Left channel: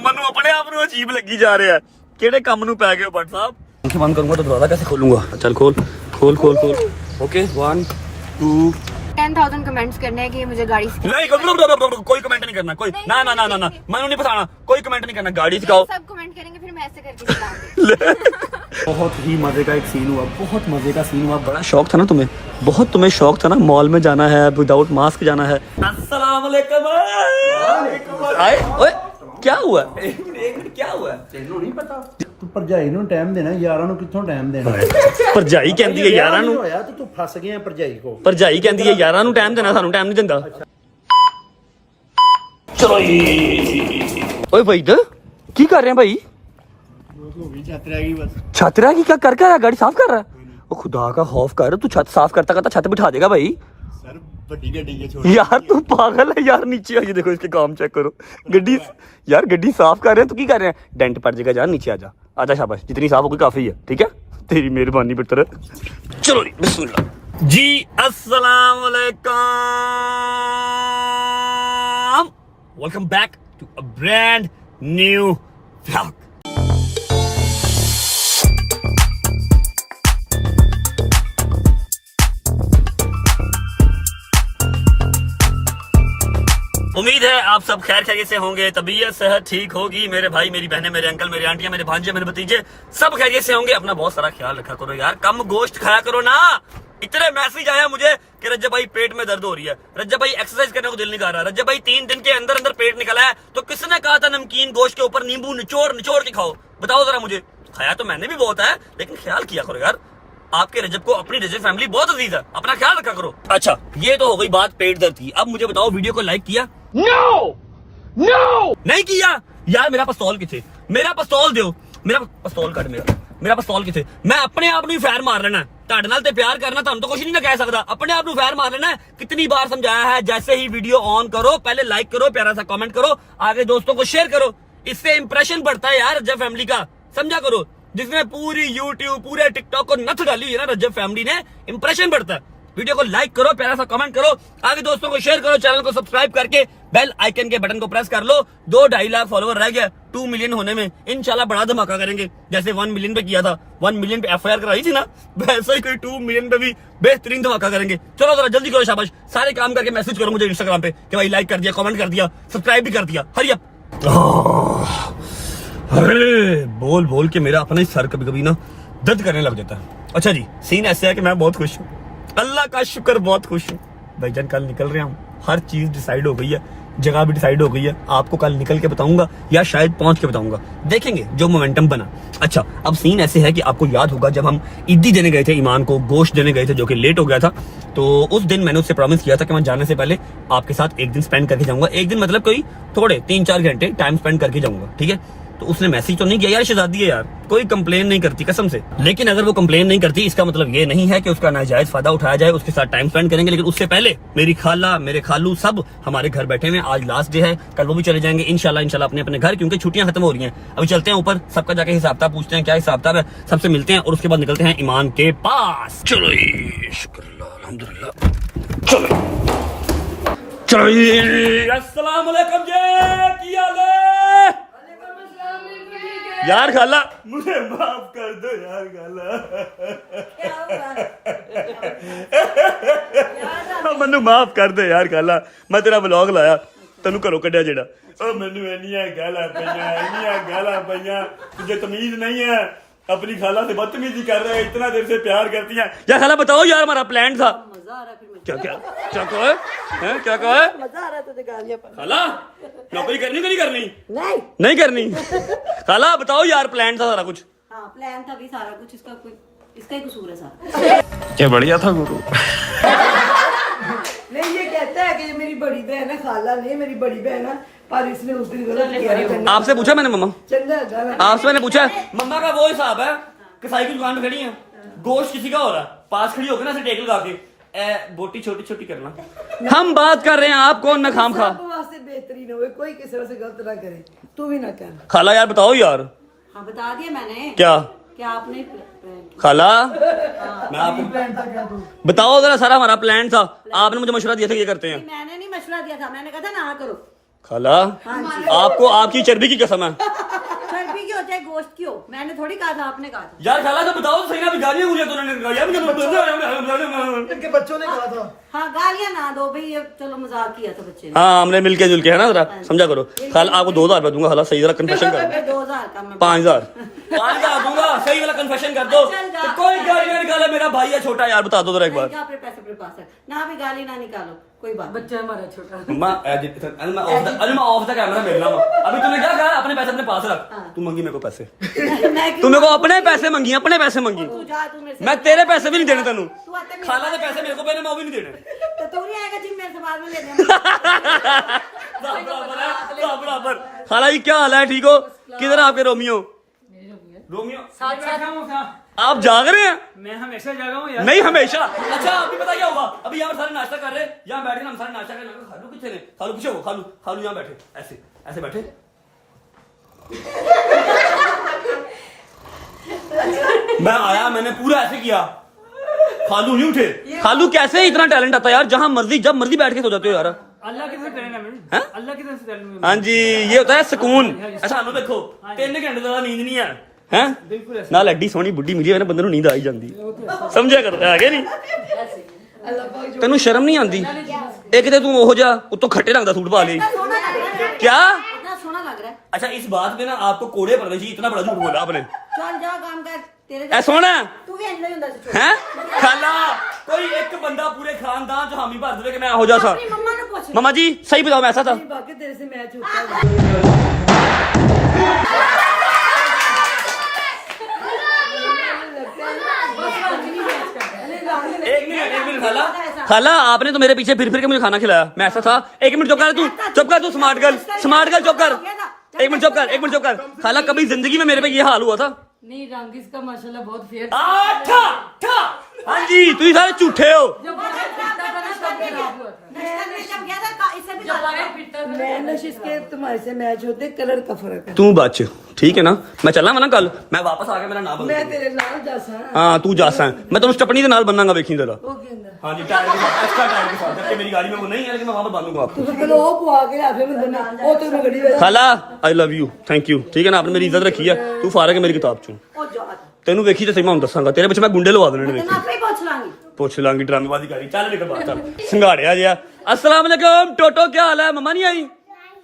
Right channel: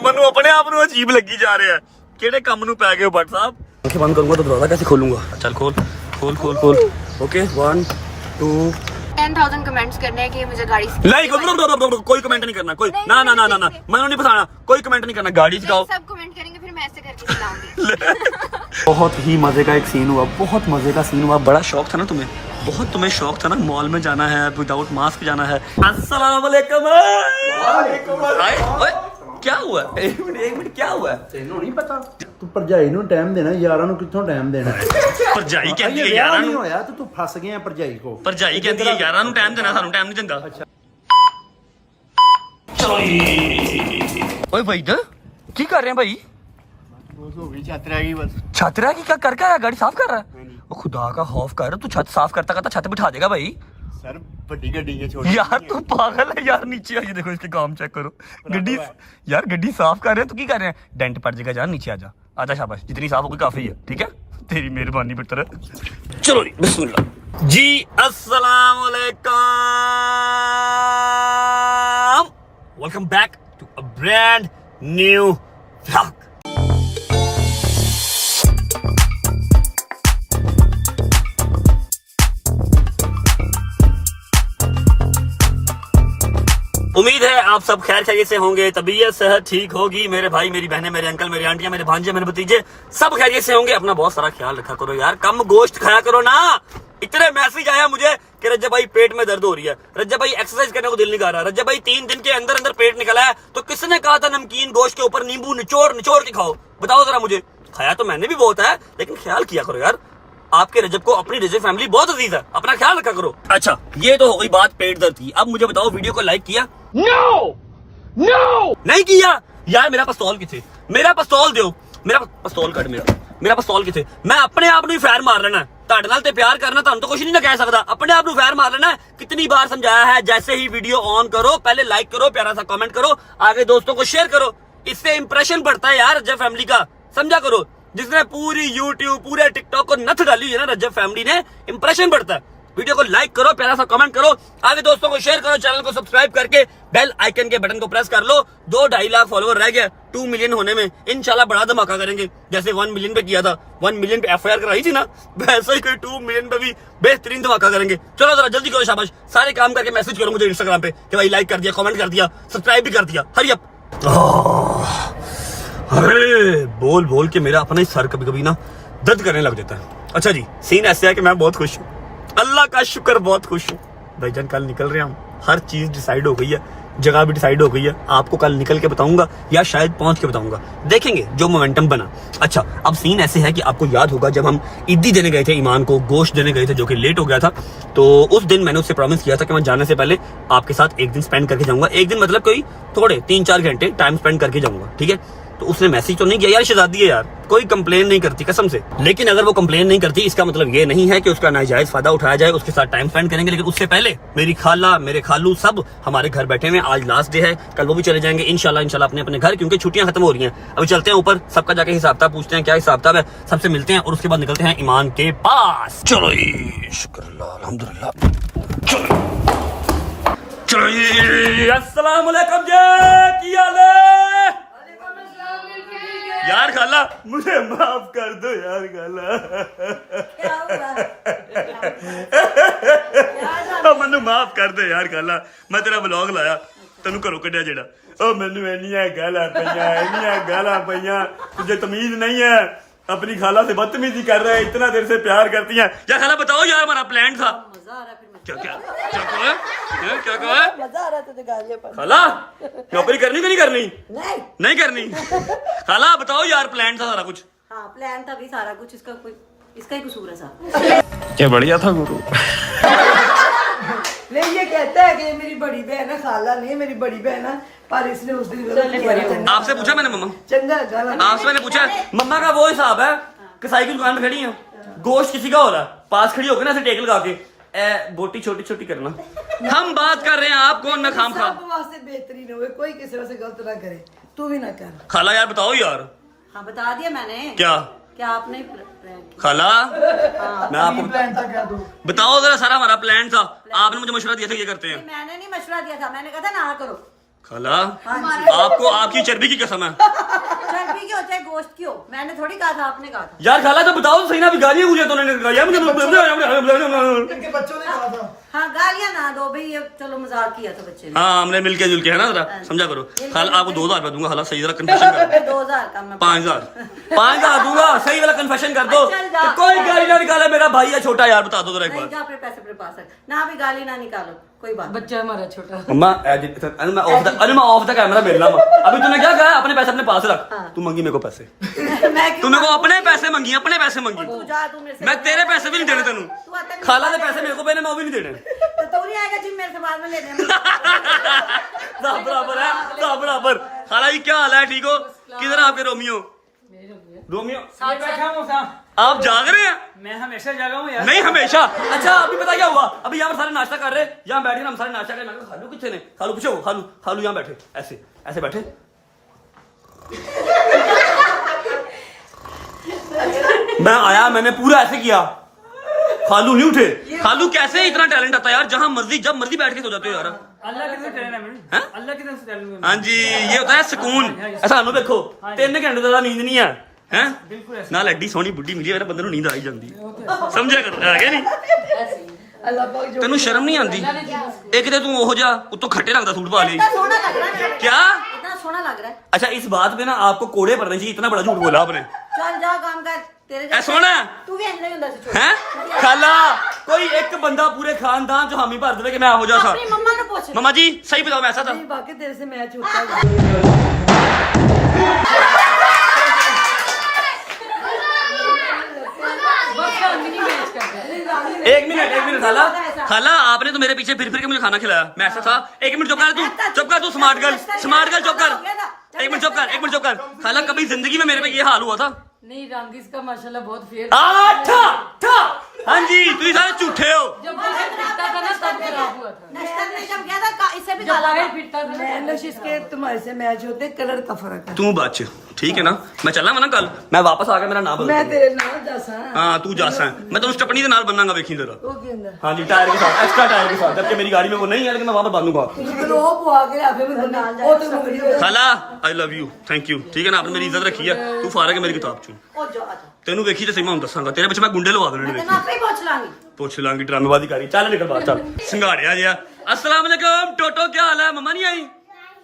मनु अपने आप ਨੂੰ अजीब लगी जा रहा है ਕਿਹੜੇ ਕੰਮ ਨੂੰ ਪੈ ਗਏ ਹੋ ਭੱਟ ਸਾਹਿਬ आंखें बंद करूंगा तो दरवाजा कैसे खोलूंगा चल खोल खोल खोल खोल ओके 1 2 10,000 कमेंट्स करने हैं कि मुझे गाड़ी नहीं कोई कमेंट नहीं करना कोई ना ना ना ना ना मैंने नहीं बताना कोई कमेंट नहीं करना गाड़ी चलाओ सब कमेंट करेंगे फिर मैं ऐसे करके चलाऊंगी। बहुत ही मजे का एक सीन हुआ बहुत मजे का सीन हुआ बड़ा शौक था ना तुम्हें शौक था ना मॉल में जाना है विदाउट मास्क जाना है अस्सलाम वालेकुम क्या हुआ एक मिनट क्या हुआ ਤੈਨੂੰ ਨਹੀਂ ਪਤਾ ਤੂੰ ਭਰਜਾਈ ਨੂੰ ਟਾਈਮ ਦੇਣਾ ਯਾਰਾਂ ਨੂੰ ਕਿੱਥੋਂ ਟਾਈਮ ਦੇਣਾ ਭਰਜਾਈ ਕਹਿੰਦੀ ਹੈ ਯਾਰਾਂ ਨੂੰ ਹੋਇਆ ਤੇ ਤੂੰ ਫਸ ਗਿਆ ਭਰਜਾਈ ਕੋ ਭਰਜਾਈ ਕਹਿੰਦੀ ਹੈ ਯਾਰਾਂ ਨੂੰ ਟਾਈਮ ਦੇਣਾ ਸਾਨੂੰ ਟਾਈਮ ਨਹੀਂ ਦਿੰਦਾ ਚਲੋ ਓਏ ਭਾਈ ਕੀ ਕਰ ਰਹੇ हैं भाई ਬਸ ਹੋ ਗਈ ਛੱਤ ਰਹਿ ਗਈ ਬਸ छत रहा क्या कर रहा है गाड़ी साफ कर रहा है ओ खुदा का खौफ कर तू छत साफ करता करता छत बिठा देगा भाई ਸਰ ਵੱਡੀ ਗੱਡੀ ਹੈ ਛੋਟੀ यार तू पागल है यार नीचे आइए देखो इसके काम चेक करो गड्डी यार गड्डी साफ कर रहे हैं तो की कर रहे हैं डेंट पड़ जाएगा यार नीचे आजा शाबाश जितनी साफ होगी काफी है ठीक है तेरी मेहरबानी बेटर चलो जी बिस्मिल्लाह जी अस्सलाम वालेकुम welcome back to a brand new vlog उम्मीद है आप सब खैर खैरियत से होंगे तबीयत सेहत ठीक होगी मेरे भाई मेरी बहनें मेरे अंकल मेरे आंटियां मेरे भांजे मेरे भतीजे सब खैरियत से होंगे अपना बहुत सारा ख्याल रखा करो यार कम गोश्त खाया करो ना इतने मैसेज आया मुझे कि रज्जब भाई पेट में दर्द हो रही है रज्जब भाई एक्सरसाइज करने को दिल नहीं कर रहा रज्जब भाई 3 दिन के अंदर अंदर पेट निकला है तो किसने कहा था नमकीन गोश्त के ऊपर नींबू निचोड़ के खाओ बताओ जरा मुझे खाया तो मैंने भी बहुत है लेकिन ख्याल किया करो यार आपके रजब को अपनी रजब फैमिली बहुत अजीज है अपना ख्याल रखा करो अच्छा ये तो हो गई बात पेट दर्द की अब मुझे बताओ वीडियो को लाइक किया नो नहीं किया यार मेरा पिस्तौल किथे मेरा पिस्तौल दो मेरा पिस्तौल कट मेरा पिस्तौल किथे मैं अपने आप ਨੂੰ ਫੈਰ ਮਾਰ ਲੈਣਾ ਤੁਹਾਡੇ ਨਾਲ ਤੇ ਪਿਆਰ करना ਤੁਹਾਨੂੰ तो कुछ नहीं ना कह सकता अपने आप ਨੂੰ ਫੈਰ मार लेना कितनी बार समझाया है जैसे ही वीडियो ऑन करो पहले लाइक करो प्यारा सा कमेंट करो आगे दोस्तों को शेयर करो इससे इंप्रेशन बढ़ता है यार रजब फैमिली का समझा करो जिसने पूरी YouTube पूरे टिकटॉक को नथ डाली है ना रजब फैमिली ने इंप्रेशन बढ़ता है वीडियो को लाइक करो प्यारा सा कमेंट करो आगे दोस्तों को शेयर करो चैनल को सब्सक्राइब करके बेल आइकन के बटन को प्रेस कर लो 2-2.5 लाख फॉलोवर रह गया 2 मिलियन होने में इंशाल्लाह बड़ा धमाका करेंगे जैसे 1 मिलियन पे किया था 1 मिलियन पे FIR कराई थी ना वैसे ही कोई 2 मिलियन पे भी बेहतरीन धमाका करेंगे चलो जरा जल्दी करो शाबाश सारे काम करके मैसेज करो मुझे इंस्टाग्राम पे कि भाई लाइक कर दिया कमेंट कर दिया सब्सक्राइब भी कर दिया हरी अप अरे बोल बोल के मेरा अपना ही सर कभी कभी ना दर्द करने लग जाता है अच्छा जी सीन ऐसे है कि मैं बहुत खुश हूँ अल्लाह का शुक्र बहुत खुश हूँ भाईजान कल निकल रहे हैं हम हर चीज डिसाइड हो गई है जगह भी डिसाइड हो गई है आपको कल निकल के बताऊंगा या शायद पहुंच के बताऊंगा देखेंगे जो मोमेंटम बना अच्छा अब सीन ऐसे है कि आपको याद होगा जब हम ईदी देने गए थे ईमान को गोश्त देने गए थे जो कि लेट हो गया था तो उस दिन मैंने उससे प्रॉमिस किया था कि मैं जाने से पहले आपके साथ एक दिन स्पेंड करके जाऊंगा एक दिन मतलब कोई थोड़े 3-4 घंटे टाइम स्पेंड करके जाऊंगा ठीक है तो उसने मैसेज तो नहीं किया यार शहजादी है यार कोई कंप्लेन नहीं करती कसम से लेकिन अगर वो कंप्लेन नहीं करती इसका मतलब ये नहीं है कि उसका नाजायज फायदा उठाया जाए उसके साथ टाइम स्पेंड करेंगे लेकिन उससे पहले मेरी खाला मेरे खालू सब हमारे घर बैठे हुए आज लास्ट डे है कल वो भी चले जाएंगे इंशाल्लाह अपने अपने घर क्योंकि छुट्टियां खत्म हो रही हैं अभी चलते हैं ऊपर सबका जाके हिसाब किताब पूछते हैं क्या हिसाब किताब है सबसे मिलते हैं और उसके बाद निकलते हैं ईमान के पास चलो शुक्र अल्हम्दुलिल्लाह चलो अस्सलाम वालेकुम जी क्या हाल है यार खाला मुझे माफ कर दो यार खाला मैनू माफ कर दो यार खाला मैं तेरा व्लॉग लाया तेनू घरों कढ़िया जेड़ा ओ मैनू इन्नियां गालां पईयां तुझे तमीज नहीं है अपनी खाला से बदतमीजी कर रहे हैं इतना देर से प्यार करती हैं यार खाला बताओ यार हमारा प्लान था क्या क्या क्या कहो है क्या कहो है मजा आ रहा था गालियां पर खाला नौकरी करनी कि नहीं करनी नहीं करनी खाला बताओ यार प्लान था सारा कुछ हाँ प्लान था भी सारा कुछ इसका ही कसूर है सारा क्या बढ़िया था गुरु नहीं ये कहता है कि मेरी बड़ी बहन है खाला नहीं मेरी बड़ी बहन है पर इसने उस दिन गलत किया आपसे पूछा मैंने मम्मा चंगा आपसे मैंने पूछा मम्मा का वो हिसाब है कसाई की दुकान पे खड़ी है गोश्त किसी का हो रहा पास खड़ी होकर ना ऐसे टेक लगा के बोटी छोटी छोटी करना हम बात कर रहे हैं आप कौन ना खाम खा वास्ते बेहतरीन हो कोई किसी से गलत ना करे तू भी ना कर खाला यार बताओ यार हाँ बता दिया मैंने क्या आपने खाला मैं आपको बताओ जरा सारा हमारा प्लान था आपने मुझे मशवरा दिया था ये करते हैं मैंने नहीं मशवरा दिया था मैंने कहा था ना करो खाला हाँ जी। आपको आपकी चर्बी की कसम है चर्बी की हो चाहे गोश्त की हो, मैंने थोड़ी कहा था, आपने कहा था। यार खाला तो बताओ तो सही ना, अभी गालियां गुलियां तो उन्होंने यार मुझे इनके बच्चों ने कहा था। हाँ गालियां ना दो भाई, ये चलो मजाक किया था बच्चे ने। हाँ हमने मिलके जुल के है ना जरा समझा करो। खाला आपको 2000 रुपया दूंगा, खाला सही जरा कन्फेशन कर 2000 का मैं 5000 दूंगा, सही वाला कन्फेशन कर दो। तो कोई गाली ना निकाले, मेरा भाई है छोटा यार, बता दो जरा एक बार। अपने पैसे अपने पास रख ना, अभी गाली ना निकालो, कोई बात। बच्चा हमारा छोटा। मम्मा मैं ऑफ द कैमरा मिलना मैं अभी तूने क्या कहा, अपने पैसे अपने पास रख। तू मंगी मेरे को पैसे, तू मेरे को अपने पैसे मंगी, अपने पैसे मंगी। तू जा, तू मेरे से मैं तेरे पैसे भी नहीं देने तेनू। तू आता नहीं। खाला दे पैसे मेरे को देने, मैं वो भी नहीं देने। तो तू नहीं आएगा जिम मेरे से बाद में लेने। सब बराबर है, सब बराबर। खाला जी क्या हाल है, ठीक हो? किधर है आपके रोमियो? रोमियो आप जाग रहे हैं? मैं हमेशा जागा हूँ यार। नहीं हमेशा। अच्छा अभी पता क्या हुआ, अभी यहाँ पर सारे नाश्ता कर रहे हैं, यहाँ बैठे हम सारे नाश्ता कर रहे हैं। खालू कितने ने, खालू पूछो, खालू खालू यहाँ बैठे, ऐसे ऐसे बैठे। मैं आया, मैंने पूरा ऐसे किया, खालू नहीं उठे। खालू कैसे इतना टैलेंट आता है यार, जहां मर्जी जब मर्जी बैठ के सो जाते हो यार। अल्लाह की तरफ से टैलेंट है मैंने। हैं? अल्लाह की तरफ से टैलेंट है। हाँ जी ये होता है सुकून। सानू देखो 3 घंटे ज्यादा नींद नहीं है हैं नाल एडी सोहनी बुढ़ी मिली होवे बंदे नूं नींद आई जांदी समझिया कर है कि नहीं। तेनू शर्म नहीं आंदी? एक ते तू ओहो जा उत्तों खट्टे रंग दा सूट पा ले। सोना लग रहा है, क्या? इतना सोना लग रहा है। अच्छा इस बात पे ना आपको कोड़े पड़ने चाहिए, इतना बड़ा झूठ बोला आपने। चल जा काम कर, तेरे ऐ सोना है तू भी अन्ने हुंदा सी। हैं? खाला कोई एक बंदा पूरे खानदान च हामी भर देवे कि मैं हो जा था। अपनी मम्मा ने पूछ। मम्मा जी सही बताओ मैं ऐसा था? बाकी तेरे से मैच होता है। एक मिनट खाला खाला आपने तो मेरे पीछे फिर के मुझे खाना खिलाया, मैं ऐसा था? एक मिनट चुप कर तू स्मार्ट गर्ल चुप कर। एक मिनट चुप कर। खाला कभी जिंदगी में मेरे पे ये हाल हुआ था? नहीं रंग इसका माशाल्लाह बहुत फेयर। हाँ जी तुम सारे झूठे हो। जब गया था इससे भी गाला मैं नशीश के तुम्हारे से मैच होते, कलर का फर्क है। तू बच ठीक है ना, मैं चलना वा ना कल, मैं वापस आ गया, मेरा नाम बदल मैं दो। तेरे नाल जासा। हाँ तू जासा है, मैं तुम स्टपनी के नाल बनना वेखी जरा। वो कहंदा हाँ जी टायर के साथ, एक्स्ट्रा टायर के साथ, जबकि मेरी गाड़ी में वो नहीं है, लेकिन मैं वहां तो बांधूंगा आपको। तो वो बुआ के आफे में बंदे वो तो मैं गड़ी में खाला I love you, thank you, ठीक है ना, आपने मेरी इज्जत रखी है। तू फारग है मेरी किताब चो, ओ जो आता तेनू वेखी तो सही मैं दसांगा, तेरे पिछे मैं गुंडे लवा देने मैं वेखी। अपनी पूछ लांगी। पूछ लांगी ड्रामेबाजी करी, चल निकल बाहर चल। सिंगाड़िया जिया अस्सलाम वालेकुम टोटो क्या हाल है? मम्मा नहीं आई?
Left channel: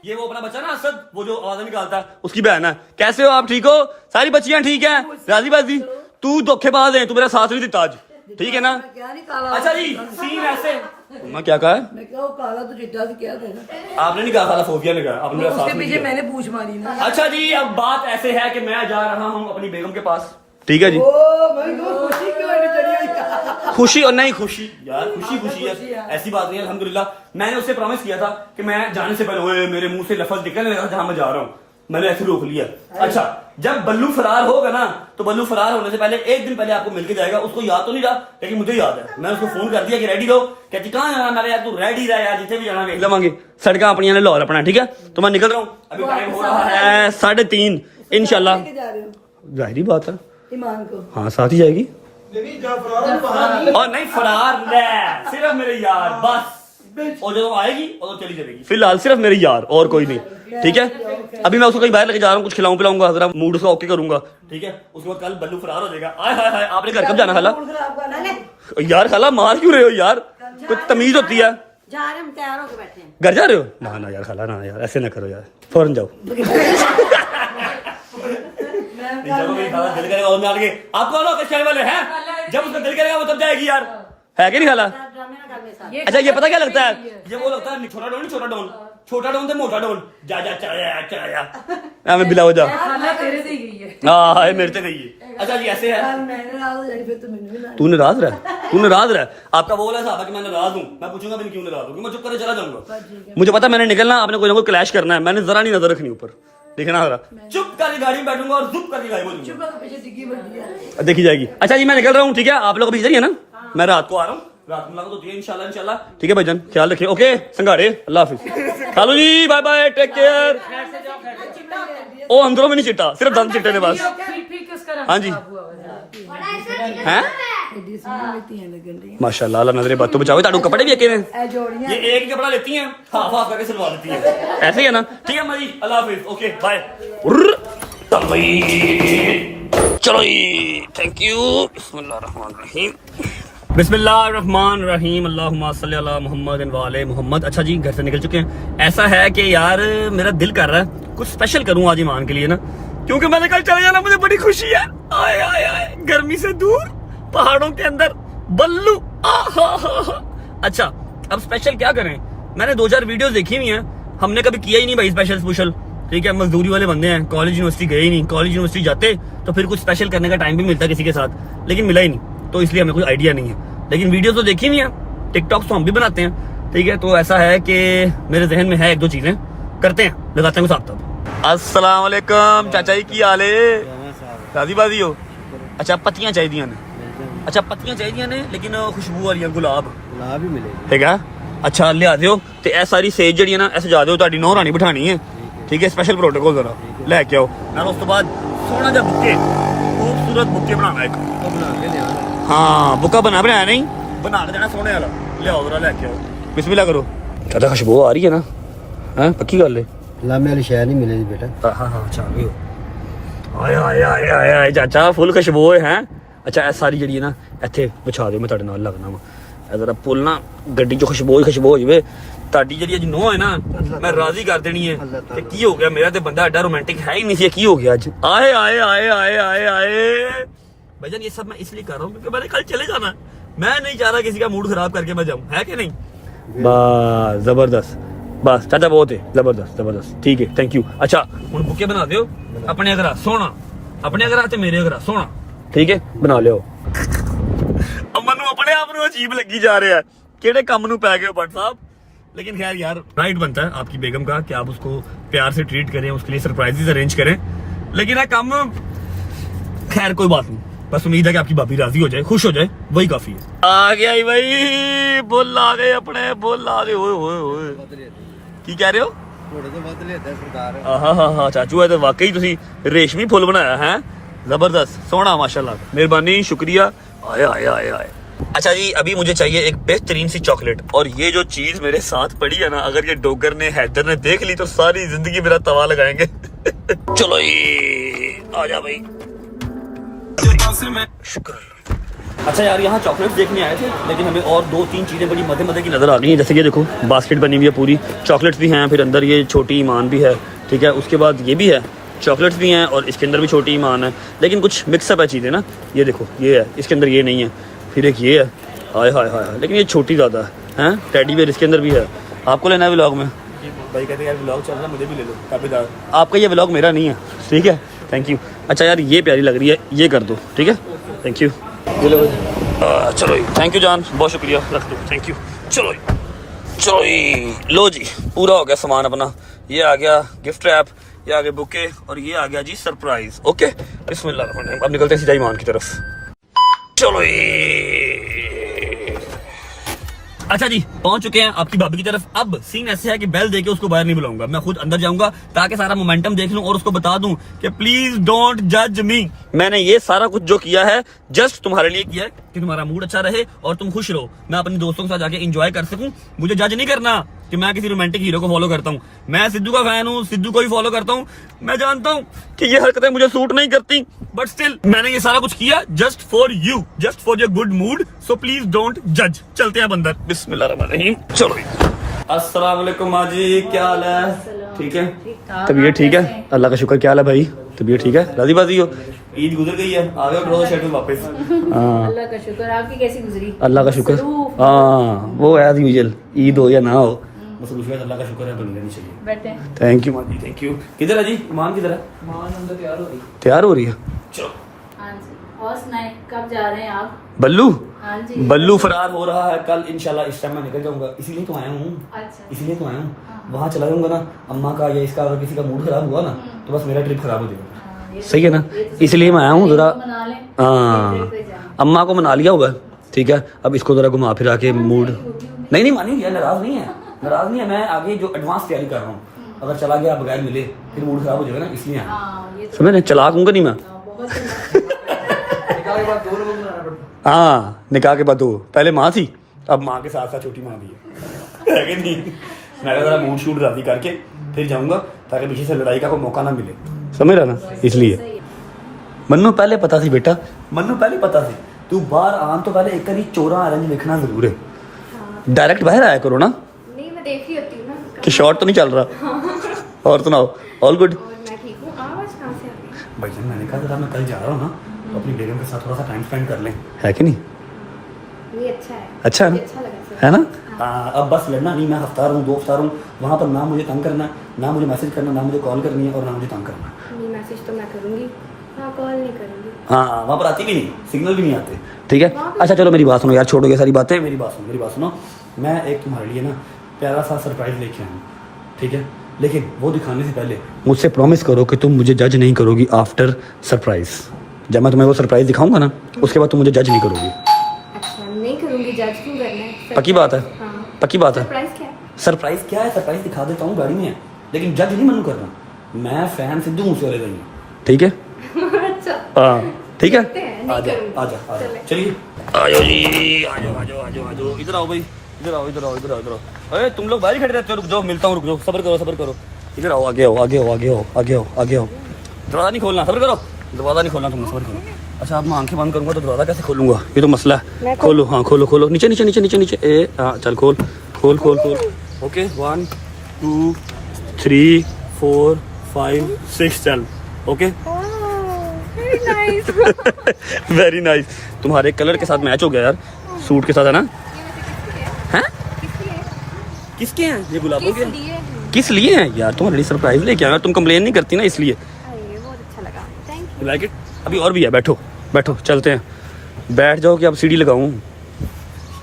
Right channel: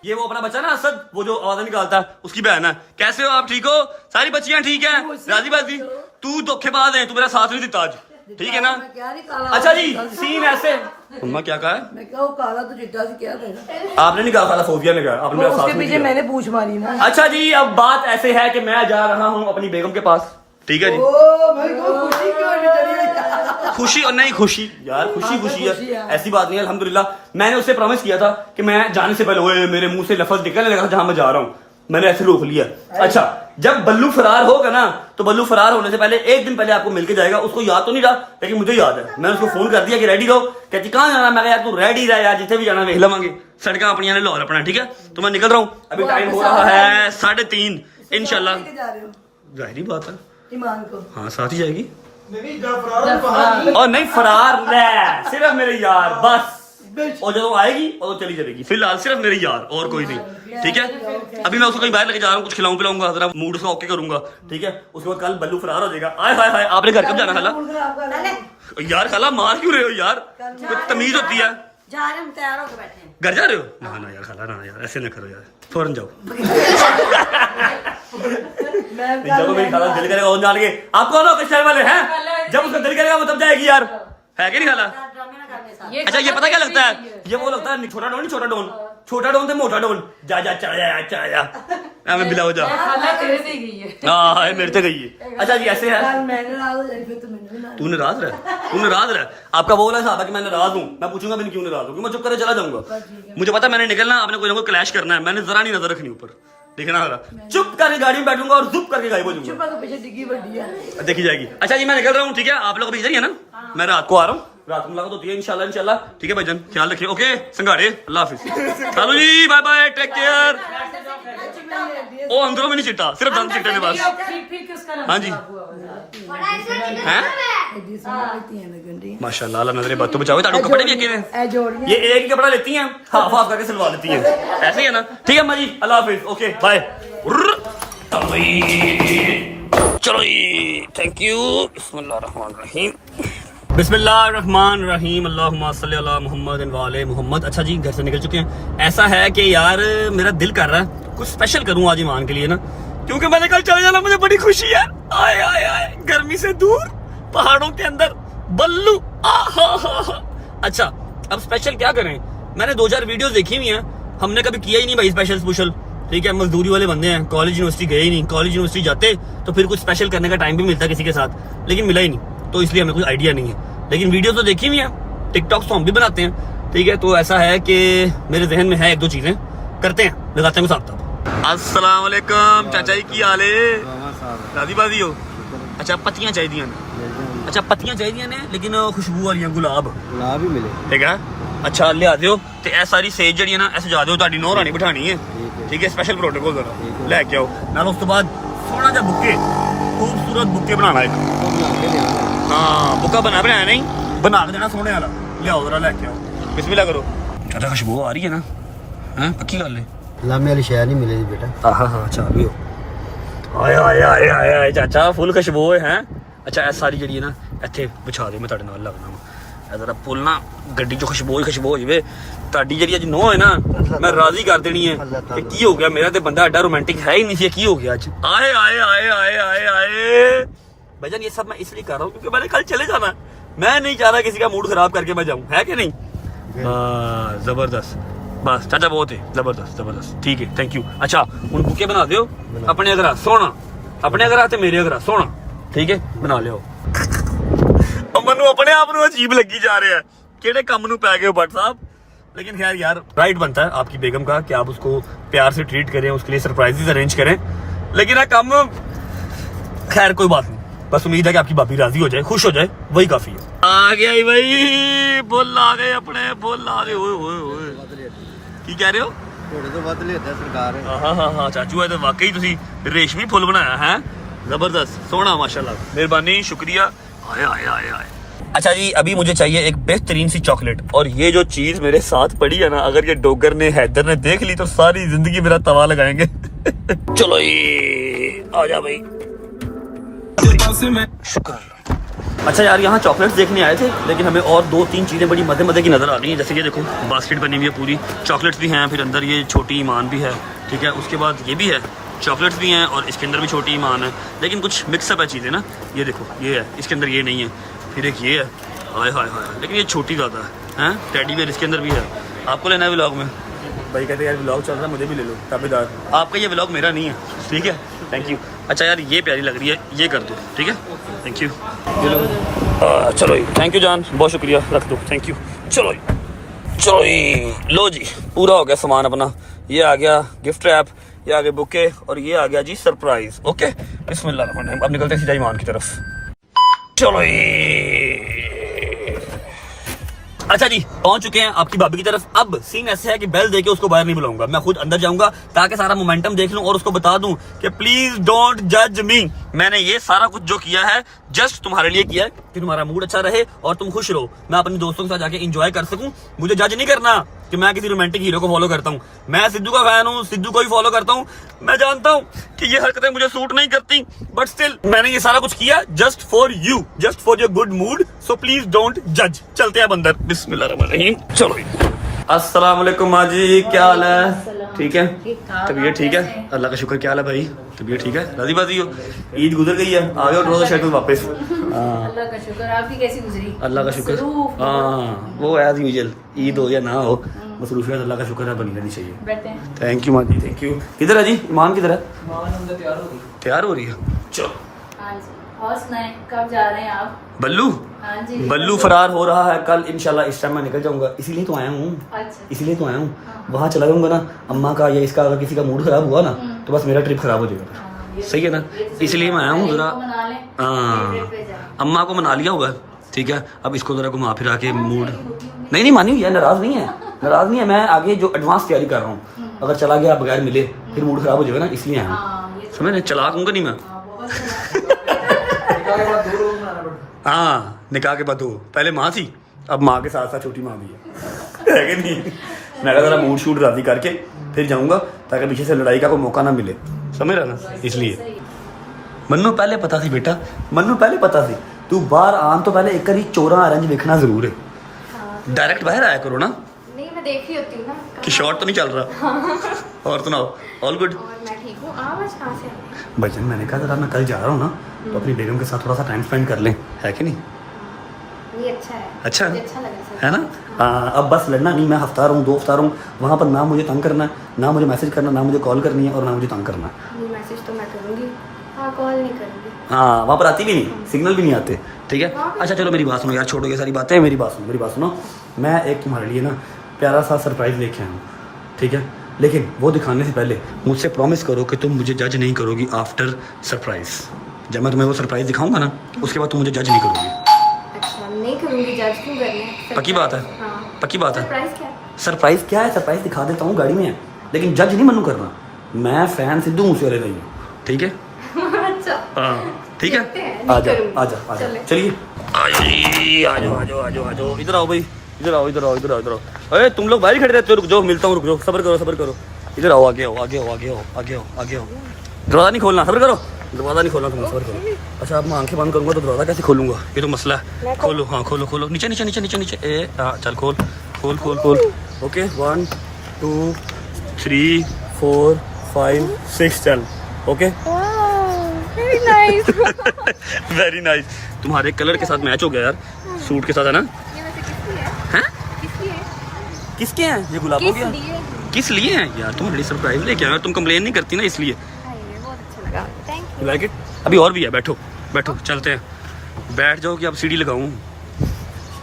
ये वो अपना बच्चा ना असद, वो जो आवाज निकालता है, उसकी बहन है। कैसे हो आप, ठीक हो? सारी बच्चियां ठीक है? राजी बाजी? तू धोखेबाज है, तू मेरा साथ नहीं देता आज, ठीक है ना? क्या नहीं काला? अच्छा जी सीन ऐसे। मम्मा क्या कहा है? मैं कहा वो काला तो चिट्टा से क्या कहना? आपने नहीं कहा, खाला फोबिया ने कहा, आपने मेरा साथ उसके नहीं पीछे दिया। मैंने पूछ मारी ना। अच्छा जी अब बात ऐसे है कि मैं जा रहा हूँ अपनी बेगम के पास, ठीक है जी। ओ भाई वो खुशी क्यों नहीं करी? खुशी और नहीं खुशी यार, खुशी है, ऐसी बात नहीं है अल्हम्दुलिल्लाह। मैंने उससे प्रॉमिस किया था कि मैं जाने से पहले ओए मेरे मुंह से लफ्ज निकलने लगा जहां मैं जा रहा हूँ, मैंने ऐसे रोक लिया। अच्छा जब बल्लू फरार होगा ना, तो बल्लू फरार होने से पहले एक दिन पहले आपको मिलके जाएगा। उसको याद तो नहीं रहा, लेकिन मुझे याद है। मैं उसको फोन कर दिया कि रेडी रहो, कहती कहाँ जाना? मैं यार तू रेडी रहा यार, जिथे भी जाना देख लवांगे, सड़क अपनी ने लाहौर अपना, ठीक है? तो मैं निकल रहा हूँ, अभी टाइम हो रहा है 3:30 इंशाल्लाह। लेके जा रहे हो जाहिर बात है, ईमान को। हाँ साथ ही जाएगी। और नहीं फरार रह, सिर्फ मेरे यार बस, और जब आएगी और चली जाएगी। फिलहाल सिर्फ मेरे यार और कोई नहीं, ठीक है? अभी मैं उसको कहीं बाहर लेके जा रहा हूँ, कुछ खिलाऊं पिलाऊंगा, जरा मूड उसका ओके करूंगा, ठीक है? उसके बाद कल बल्लू फरार हो जाएगा। आय हाय हाय, आपने घर कब जाना खाला? यार खाला मार क्यों रहे हो यार, कोई तमीज होती है? जा रहे हम, तैयार होके बैठे हैं। घर जा रहे हो? ना यार खाला ना यार, ऐसे ना करो यार, फौरन जाओ। जब मेरी खाला दिल करेगा और जान के, आप कौन हो कश्मीर वाले हैं? जब उसका दिल करेगा वो तब जाएगी यार, है कि नहीं खाला? ड्रामे ना करने साथ। अच्छा ये पता क्या लगता है? ये वो लगता है छोटा डोन, छोटा डोन से मोटा डोन। जा चला बिला हो जा। खाना तेरे से गई है। हाँ मेरे से गई है। अच्छा जी ऐसे है, कल मैंने नाराज हो जाए फिर तो मैंने भी नाराज। तू नाराज रहा। आपका वो वाला हिसाब है कि मैं नाराज हूँ, मैं पूछूंगा भी नहीं क्यों नाराज हूँ, मैं चुप करके चला जाऊंगा। मुझे पता मैंने निकलना, आपने कोई ना कोई क्लैश करना है, मैंने जरा नहीं नजर रखनी ऊपर, देखना रहा। चुप करके गाड़ी में बैठूंगा और चुप करके गायब हो जाऊंगा, तो पीछे डिग्गी बढ़ी है। देखी जाएगी। अच्छा जी मैं निकल रहा हूँ, ठीक है? आप लोग अभी चलेंगे ना? मैं रात को आ रहा हूँ, रात को मुलाकात होती है इंशाल्लाह। ठीक है भाईजान, ख्याल रखिए। ओके संगाड़े, अल्लाह हाफिज। चलो जी बाय बाय, टेक केयर। ओ अंदरों में नहीं चिट्टा, सिर्फ दम चिट्टे ने बस। ठीक उसका हाँ जी हैं? एडी सोहनी लेतियां लगन दी माशाल्लाह, अल्लाह नजरे बातों बचाओ। ताड़ू कपड़े भी अके में ए जोड़ियां ये एक ही कपड़ा लेती हैं, हाफ हाफ करके सिलवा लेती हैं, ऐसे ही है ना? ठीक है अम्मा जी, अल्लाह हाफिज, ओके बाय। चलो जी, थैंक यू। बिस्मिल्लाहिर्रहमानिर्रहीम, अल्लाहुम्मा सल्ली अला मुहम्मद व आले मुहम्मद। अच्छा जी, घर से निकल चुके हैं। ऐसा है कि यार मेरा दिल कर रहा है कुछ स्पेशल करूं आज ईमान के लिए ना, क्योंकि मैंने कल चले जाना, मुझे बड़ी खुशी है। आए आए आए, गर्मी से दूर पहाड़ों के अंदर बल्लू। अच्छा, अब स्पेशल क्या करें? मैंने 2-4 वीडियोस देखी हुई हैं, हमने कभी किया ही नहीं भाई स्पेशल स्पेशल। ठीक है, मजदूरी वाले बंदे हैं, कॉलेज यूनिवर्सिटी गए ही नहीं। कॉलेज यूनिवर्सिटी जाते तो फिर कुछ स्पेशल करने का टाइम भी मिलता किसी के साथ, लेकिन मिला ही नहीं, तो इसलिए हमें कोई आइडिया नहीं है। लेकिन वीडियो तो देखी हुई है, टिकटॉक तो हम भी बनाते हैं। ठीक है, तो ऐसा है कि मेरे जहन में है 1-2 चीजें, करते हैं, लगाते हैं साथ तब। अस्सलाम वालेकुम चाचा जी, की हाल है? राजी बाजी हो? अच्छा, पत्तियां चाहिए ने? अच्छा, पत्तियां चाहिए ने, लेकिन खुशबू वाली गुलाब ही मिलेगी। ठीक है, अच्छा लिया दियो। तो ए सारी सेज जी ना ऐसे जा दियो, ताड़ी नौं रानी बिठानी है। ठीक है, स्पेशल प्रोटोकॉल जरा लेके आओ ना। उस तो बाद सोना जा बुक्के, खूबसूरत बुक्के बनाना एक। बना के देना। हाँ, बुक्का बनाया नहीं, बना के देना सोने वाला। लियाओ जरा, लेके आओ, बिस्मिल्लाह करो। चाचा खुशबू आ रही है ना? हैं, पक्की गल है? लामे वाली शय नहीं मिलेगी बेटा। हाँ हाँ, अच्छा भी हो। आए आए आए आए आए चाचा, फुल खुशबू है। अच्छा, ए सारी जी ना इत्थे बिछा दो, मैं तुहाडे नाल लगना वा। अगर पुल ना गड्डी चो खुशबू हो जाए, ताड़ी जी अज नो है ना, मैं राजी कर देनी है कि की हो गया, मेरा तो बंदा एडा रोमांटिक है ही नहीं सी, की हो गया अज? आए आए आए आए आए आए भाईजान, ये सब मैं इसलिए कर रहा हूँ क्योंकि मैंने कल चले जाना। मैं नहीं चाह रहा किसी का मूड खराब करके मैं जाऊँ, है कि नहीं? बस जबरदस्त, बस चाचा बहुत है, जबरदस्त जबरदस्त। ठीक है, थैंक यू। अच्छा, हुण बुके बना दियो अपने अगर सोना, अपने अगर ते मेरे अगर सोना। ठीक है, बना लियो। मनु अपने आप को अजीब लगी जा रहा है, केड़े काम नू पै गए हो भट्ट साहब। लेकिन खैर यार, राइट बनता है आपकी बेगम का कि आप उसको प्यार से ट्रीट करें, उसके लिए सरप्राइजेस अरेंज करें। लेकिन आ काम खैर कोई बात नहीं, बस उम्मीद है कि आपकी भाभी राजी हो जाए, खुश हो जाए, वही काफी है। आ गया भाई, बोल आ गए अपने, बोल आ गए। ओए की कह रहे हो? थोड़े तो वध लेता सरकार। हाँ चाचू, है तो वाकई तुसी रेशमी फुल बनाया है, जबरदस्त सोना, माशाल्लाह, मेहरबानी, शुक्रिया। आए आए आए आए। अच्छा जी, अभी मुझे चाहिए एक बेहतरीन सी चॉकलेट, और ये जो चीज मेरे साथ पड़ी है ना, अगर ये डोगर ने, हैदर ने देख ली तो सारी जिंदगी मेरा तवा लगाएंगे। चलो ये आ जा भाई, शुक्र। अच्छा यार, यहाँ चॉकलेट्स देखने आए थे, लेकिन हमें और 2-3 चीजें बड़ी मजे मजे की नजर आ रही हैं। जैसे ये देखो, बास्केट बनी हुई है पूरी, चॉकलेट्स भी हैं, फिर अंदर ये छोटी ईमान भी है। ठीक है, उसके बाद ये भी है, चॉकलेट्स भी हैं, और इसके अंदर भी छोटी ईमान है, लेकिन कुछ मिक्सअप है चीजें ना। ये देखो, ये है, इसके अंदर ये नहीं है, फिर एक ये है, हाय हाय हाय, लेकिन ये छोटी ज्यादा है। टेडी बेयर इसके अंदर भी है। आपको लेना है व्लॉग में? भाई कहते हैं यार व्लॉग चल रहा है, मुझे भी ले लो ताबेदार। आपका ये व्लॉग मेरा नहीं है, ठीक है, थैंक यू। अच्छा यार, ये प्यारी लग रही है, ये कर दो, ठीक है, थैंक यू। ये लो, चलो थैंक यू जान, बहुत शुक्रिया, रख दो, थैंक यू। चलो लो जी, पूरा हो गया सामान अपना। ये आ गया गिफ्ट रैप, ये आ गए बुके, और ये आ गया जी सरप्राइज। ओके, बिस्मिल्लाह, अब निकलते हैं सीधा ईमान की तरफ। चलो अच्छा जी, पहुंच चुके हैं आपकी भाभी की तरफ। अब सीन ऐसे है कि बेल देके उसको बाहर नहीं बुलाऊंगा, मैं खुद अंदर जाऊंगा ताकि सारा मोमेंटम देख लूं और उसको बता दूं कि प्लीज डोंट जज मी। मैंने ये सारा कुछ जो किया है जस्ट तुम्हारे लिए किया है कि तुम्हारा मूड अच्छा रहे और तुम खुश रहो, मैं अपने दोस्तों के साथ जाके एंजॉय कर सकूं। मुझे जज नहीं करना कि मैं किसी रोमांटिक हीरो को फॉलो करता हूं। मैं सिद्धू का फैन हूं, सिद्धू को ही फॉलो करता हूं। मैं जानता हूं कि ये हरकतें मुझे सूट नहीं करती, बट स्टिल मैंने ये सारा कुछ किया just for you, just for your good mood, so please don't जज। चलते हैं अंदर, बिस्मिल्लाहिर्रहमानिर्रहीम। चलो अस्सलाम वालेकुम माँ जी, क्या हाल है? ठीक है, तबीयत ठीक है? अल्लाह का शुक्र। क्या हाल है भाई, तबीयत ठीक है? राजी बाजी हो? ईद गुजर गई है, आ गए ड्रॉ शेड्यूल वापस। अल्लाह का शुक्र। आपकी कैसी गुजरी? अल्लाह का शुक्र। हाँ, वो एज यूजुअल, ईद हो या ना हो, मसरूफियत अल्लाह का शुक्र है, बनी रहनी चाहिए। बैठे। थैंक यू माँ जी, थैंक यू। किधर है जी ईमान? किधर है? तैयार हो रही है। चलो हाँ जी, और सुनाए, कब जा रहे हैं आप? बल्लू, हाँ जी, बल्लू फरार हो रहा है कल इंशाल्लाह। इस टाइम मैं निकल जाऊंगा, इसीलिए तो आया हूँ। अच्छा, इसलिए तो आया हूँ। वहाँ चला जाऊंगा ना, अम्मा का या इसका अगर किसी का मूड खराब हुआ ना तो बस मेरा ट्रिप खराब हो जाएगा। सही है ना, इसलिए मैं आया हूँ जरा। हाँ, अम्मा को मना लिया होगा, ठीक है, अब इसको जरा घुमा फिरा के मूड। नहीं मानी है, नाराज नहीं है, नाराज नहीं है। मैं आगे जो एडवांस तैयारी कर रहा हूँ, अगर चला गया बगैर मिले फिर मूड खराब हो जाएगा ना, इसलिए समझ नहीं, चला दूंगा नहीं मैं। हाँ निकाह के बाद दो, पहले माँ थी, अब माँ के साथ साथ छोटी माँ भी है कि नहीं? मैं जरा मूड शूट राजी करके फिर जाऊंगा ताकि पीछे से लड़ाई का कोई मौका ना मिले, समझ रहा ना? इसलिए मन्नू पहले पता सी बेटा, मन्नू पहले पता सी तू बाहर आम तो पहले एक बारी चोरा ऑरेंज देखना जरूर है। डायरेक्ट बाहर आया करो ना, नहीं मैं देख ही होती हूँ ना। कि शॉर्ट तो नहीं चल रहा। और सुनाओ, ऑल गुड? और मैं ठीक हूँ। आवाज कहाँ से आ रही है? भजन मैंने कहा जरा मैं कल जा रहा हूँ ना तो अपनी बेगम के साथ थोड़ा सा टाइम स्पेंड कर लें, है कि नहीं? ये अच्छा है। अच्छा है मुझे ना? अच्छा लगा है ना? अब बस लड़ना नहीं, मैं हफ्ता रहूँ 2 हफ्ता रहूँ वहाँ पर, ना मुझे तंग करना, ना मुझे मैसेज करना, ना मुझे कॉल करनी है और ना मुझे तंग करना। नहीं मैसेज तो मैं करूँगी, हाँ कॉल नहीं करूँगी। हाँ वहाँ पर आती भी नहीं, सिग्नल भी नहीं आते, ठीक है? अच्छा चलो मेरी बात सुनो यार, छोड़ो ये सारी बातें, मेरी बात सुनो। मैं एक तुम्हारे लिए ना प्यारा सा सरप्राइज लेके आया हूँ, ठीक है? लेकिन वो दिखाने से पहले मुझसे प्रॉमिस करो कि तुम मुझे जज नहीं करोगी आफ्टर सरप्राइज। जब मैं तुम्हें वो सरप्राइज दिखाऊंगा ना उसके बाद तुम मुझे जज नहीं करोगी। अच्छा नहीं करूँगी, जज क्यों करना है? पक्की बात है? हाँ। पक्की बात है? सरप्राइज क्या है? सरप्राइज क्या है? सरप्राइज दिखा देता हूँ, गाड़ी में है, लेकिन जज नहीं मनु करना। मैं फैन सिद्धू मूसेवाले का ही हूँ, ठीक है? अच्छा हाँ ठीक है, देखते हैं, नहीं आजा करूँगी। आजा आजा, चलिए आजो जी, आजो, इधर आओ भाई, इधर आओ। अरे तुम लोग बाहर खड़े रहते हो, रुक जाओ, मिलता हूँ, रुक जाओ, सब्र करो। इधर आओ, आगे आओ। दरवाजा नहीं खोलना, सब्र करो, दरवाजा नहीं खोलना, तुम सब्र करो। अच्छा अब मैं आंखें बंद करूंगा तो दरवाजा कैसे खोलूंगा? ये तो मसला है। खोलो, हाँ खोलो, नीचे ए हाँ चल खोल। ओके 1 2 3 4 5 6 चल, ओके वेरी नाइस। तुम्हारे कलर के साथ मैच हो गया यार, सूट के साथ, है ना? ये वैसे किसकी है? हैं? किसकी है? किसके हैं ये गुलाबों के? किस लिए है? किस लिए हैं यार? तुम्हारे लिए सरप्राइज लेके आया, तुम कंप्लेन नहीं करती ना इसलिए। हाँ, ये बहुत अच्छा लगा, थैंक यू लाइक इट? अभी और भी है, बैठो चलते हैं। बैठ जाओ कि अब सीढ़ी लगाऊं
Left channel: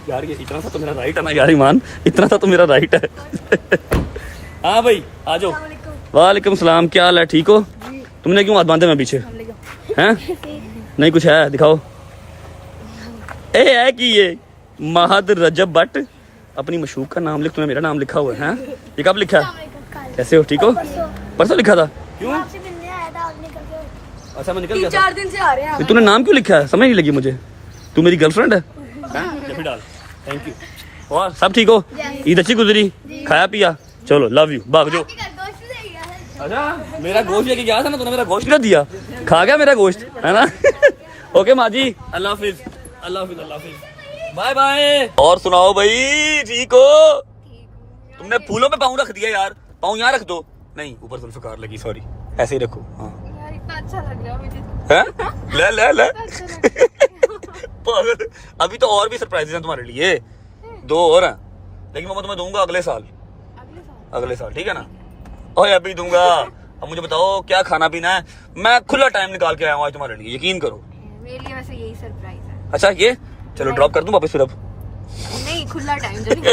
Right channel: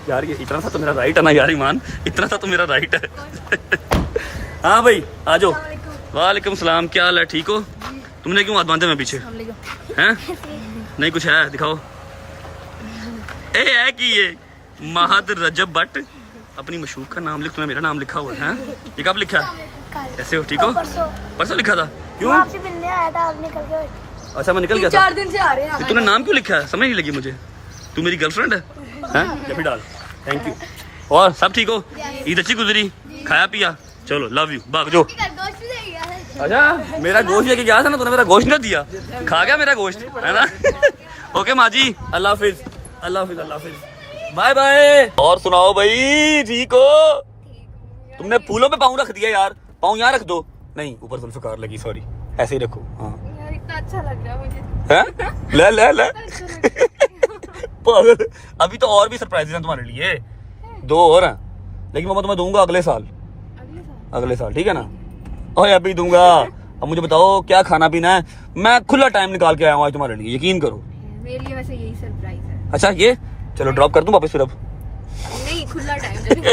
यार? ये इतना सा तो मेरा राइट है ना यार, ईमान, इतना सा तो मेरा राइट है। हाँ भाई आ जाओ। वालेकुम सलाम, क्या हाल है? ठीक हो? तुमने क्यों हाथ बांधे मैं पीछे हैं? नहीं कुछ है, दिखाओ। ए है कि ये महद रजब भट्ट, अपनी मशहूक का नाम लिख, तुम्हें मेरा नाम लिखा हुआ है? ये कब लिखा? कैसे हो, ठीक हो? परसों लिखा था, क्यों? अच्छा मैं निकल गया था। 4 दिन से आ रहे हैं। तो तूने नाम क्यों लिखा है, समझ नहीं लगी मुझे। तू मेरी गर्लफ्रेंड है? जब डाल, थैंक यू। और सब ठीक हो? ईद अच्छी गुजरी? खाया पिया? चलो लव यू, भाग जो। अच्छा मेरा गोश्त लेके गया था ना, तूने मेरा गोश्त नहीं दिया, खा गया मेरा गोश्त, है ना? ओके माँ जी, अल्लाह हाफिज, बाय बाय। और सुनाओ भाई, ठीक हो? तुमने फूलों पे पाँव रख दिया यार, पाँव यहाँ रख दो, नहीं ऊपर जुल्फ़िकार लगी, सॉरी, ऐसे ही रखो। हाँ यार इतना अच्छा लग रहा है मुझे। हैं? ले पागल। अभी तो और भी सरप्राइजेस हैं तुम्हारे लिए, 2 और हैं, लेकिन वो मैं तुम्हें दूंगा अगले साल, ठीक है ना? ओए अभी दूंगा। अब मुझे बताओ क्या खाना पीना है? मैं खुला टाइम निकाल के आया हूँ आज तुम्हारे लिए, यकीन करो। मेरे लिए वैसे यही सरप्राइज है। अच्छा ये चलो ड्रॉप कर दूं वापस फिर? अब नहीं खुला टाइम जब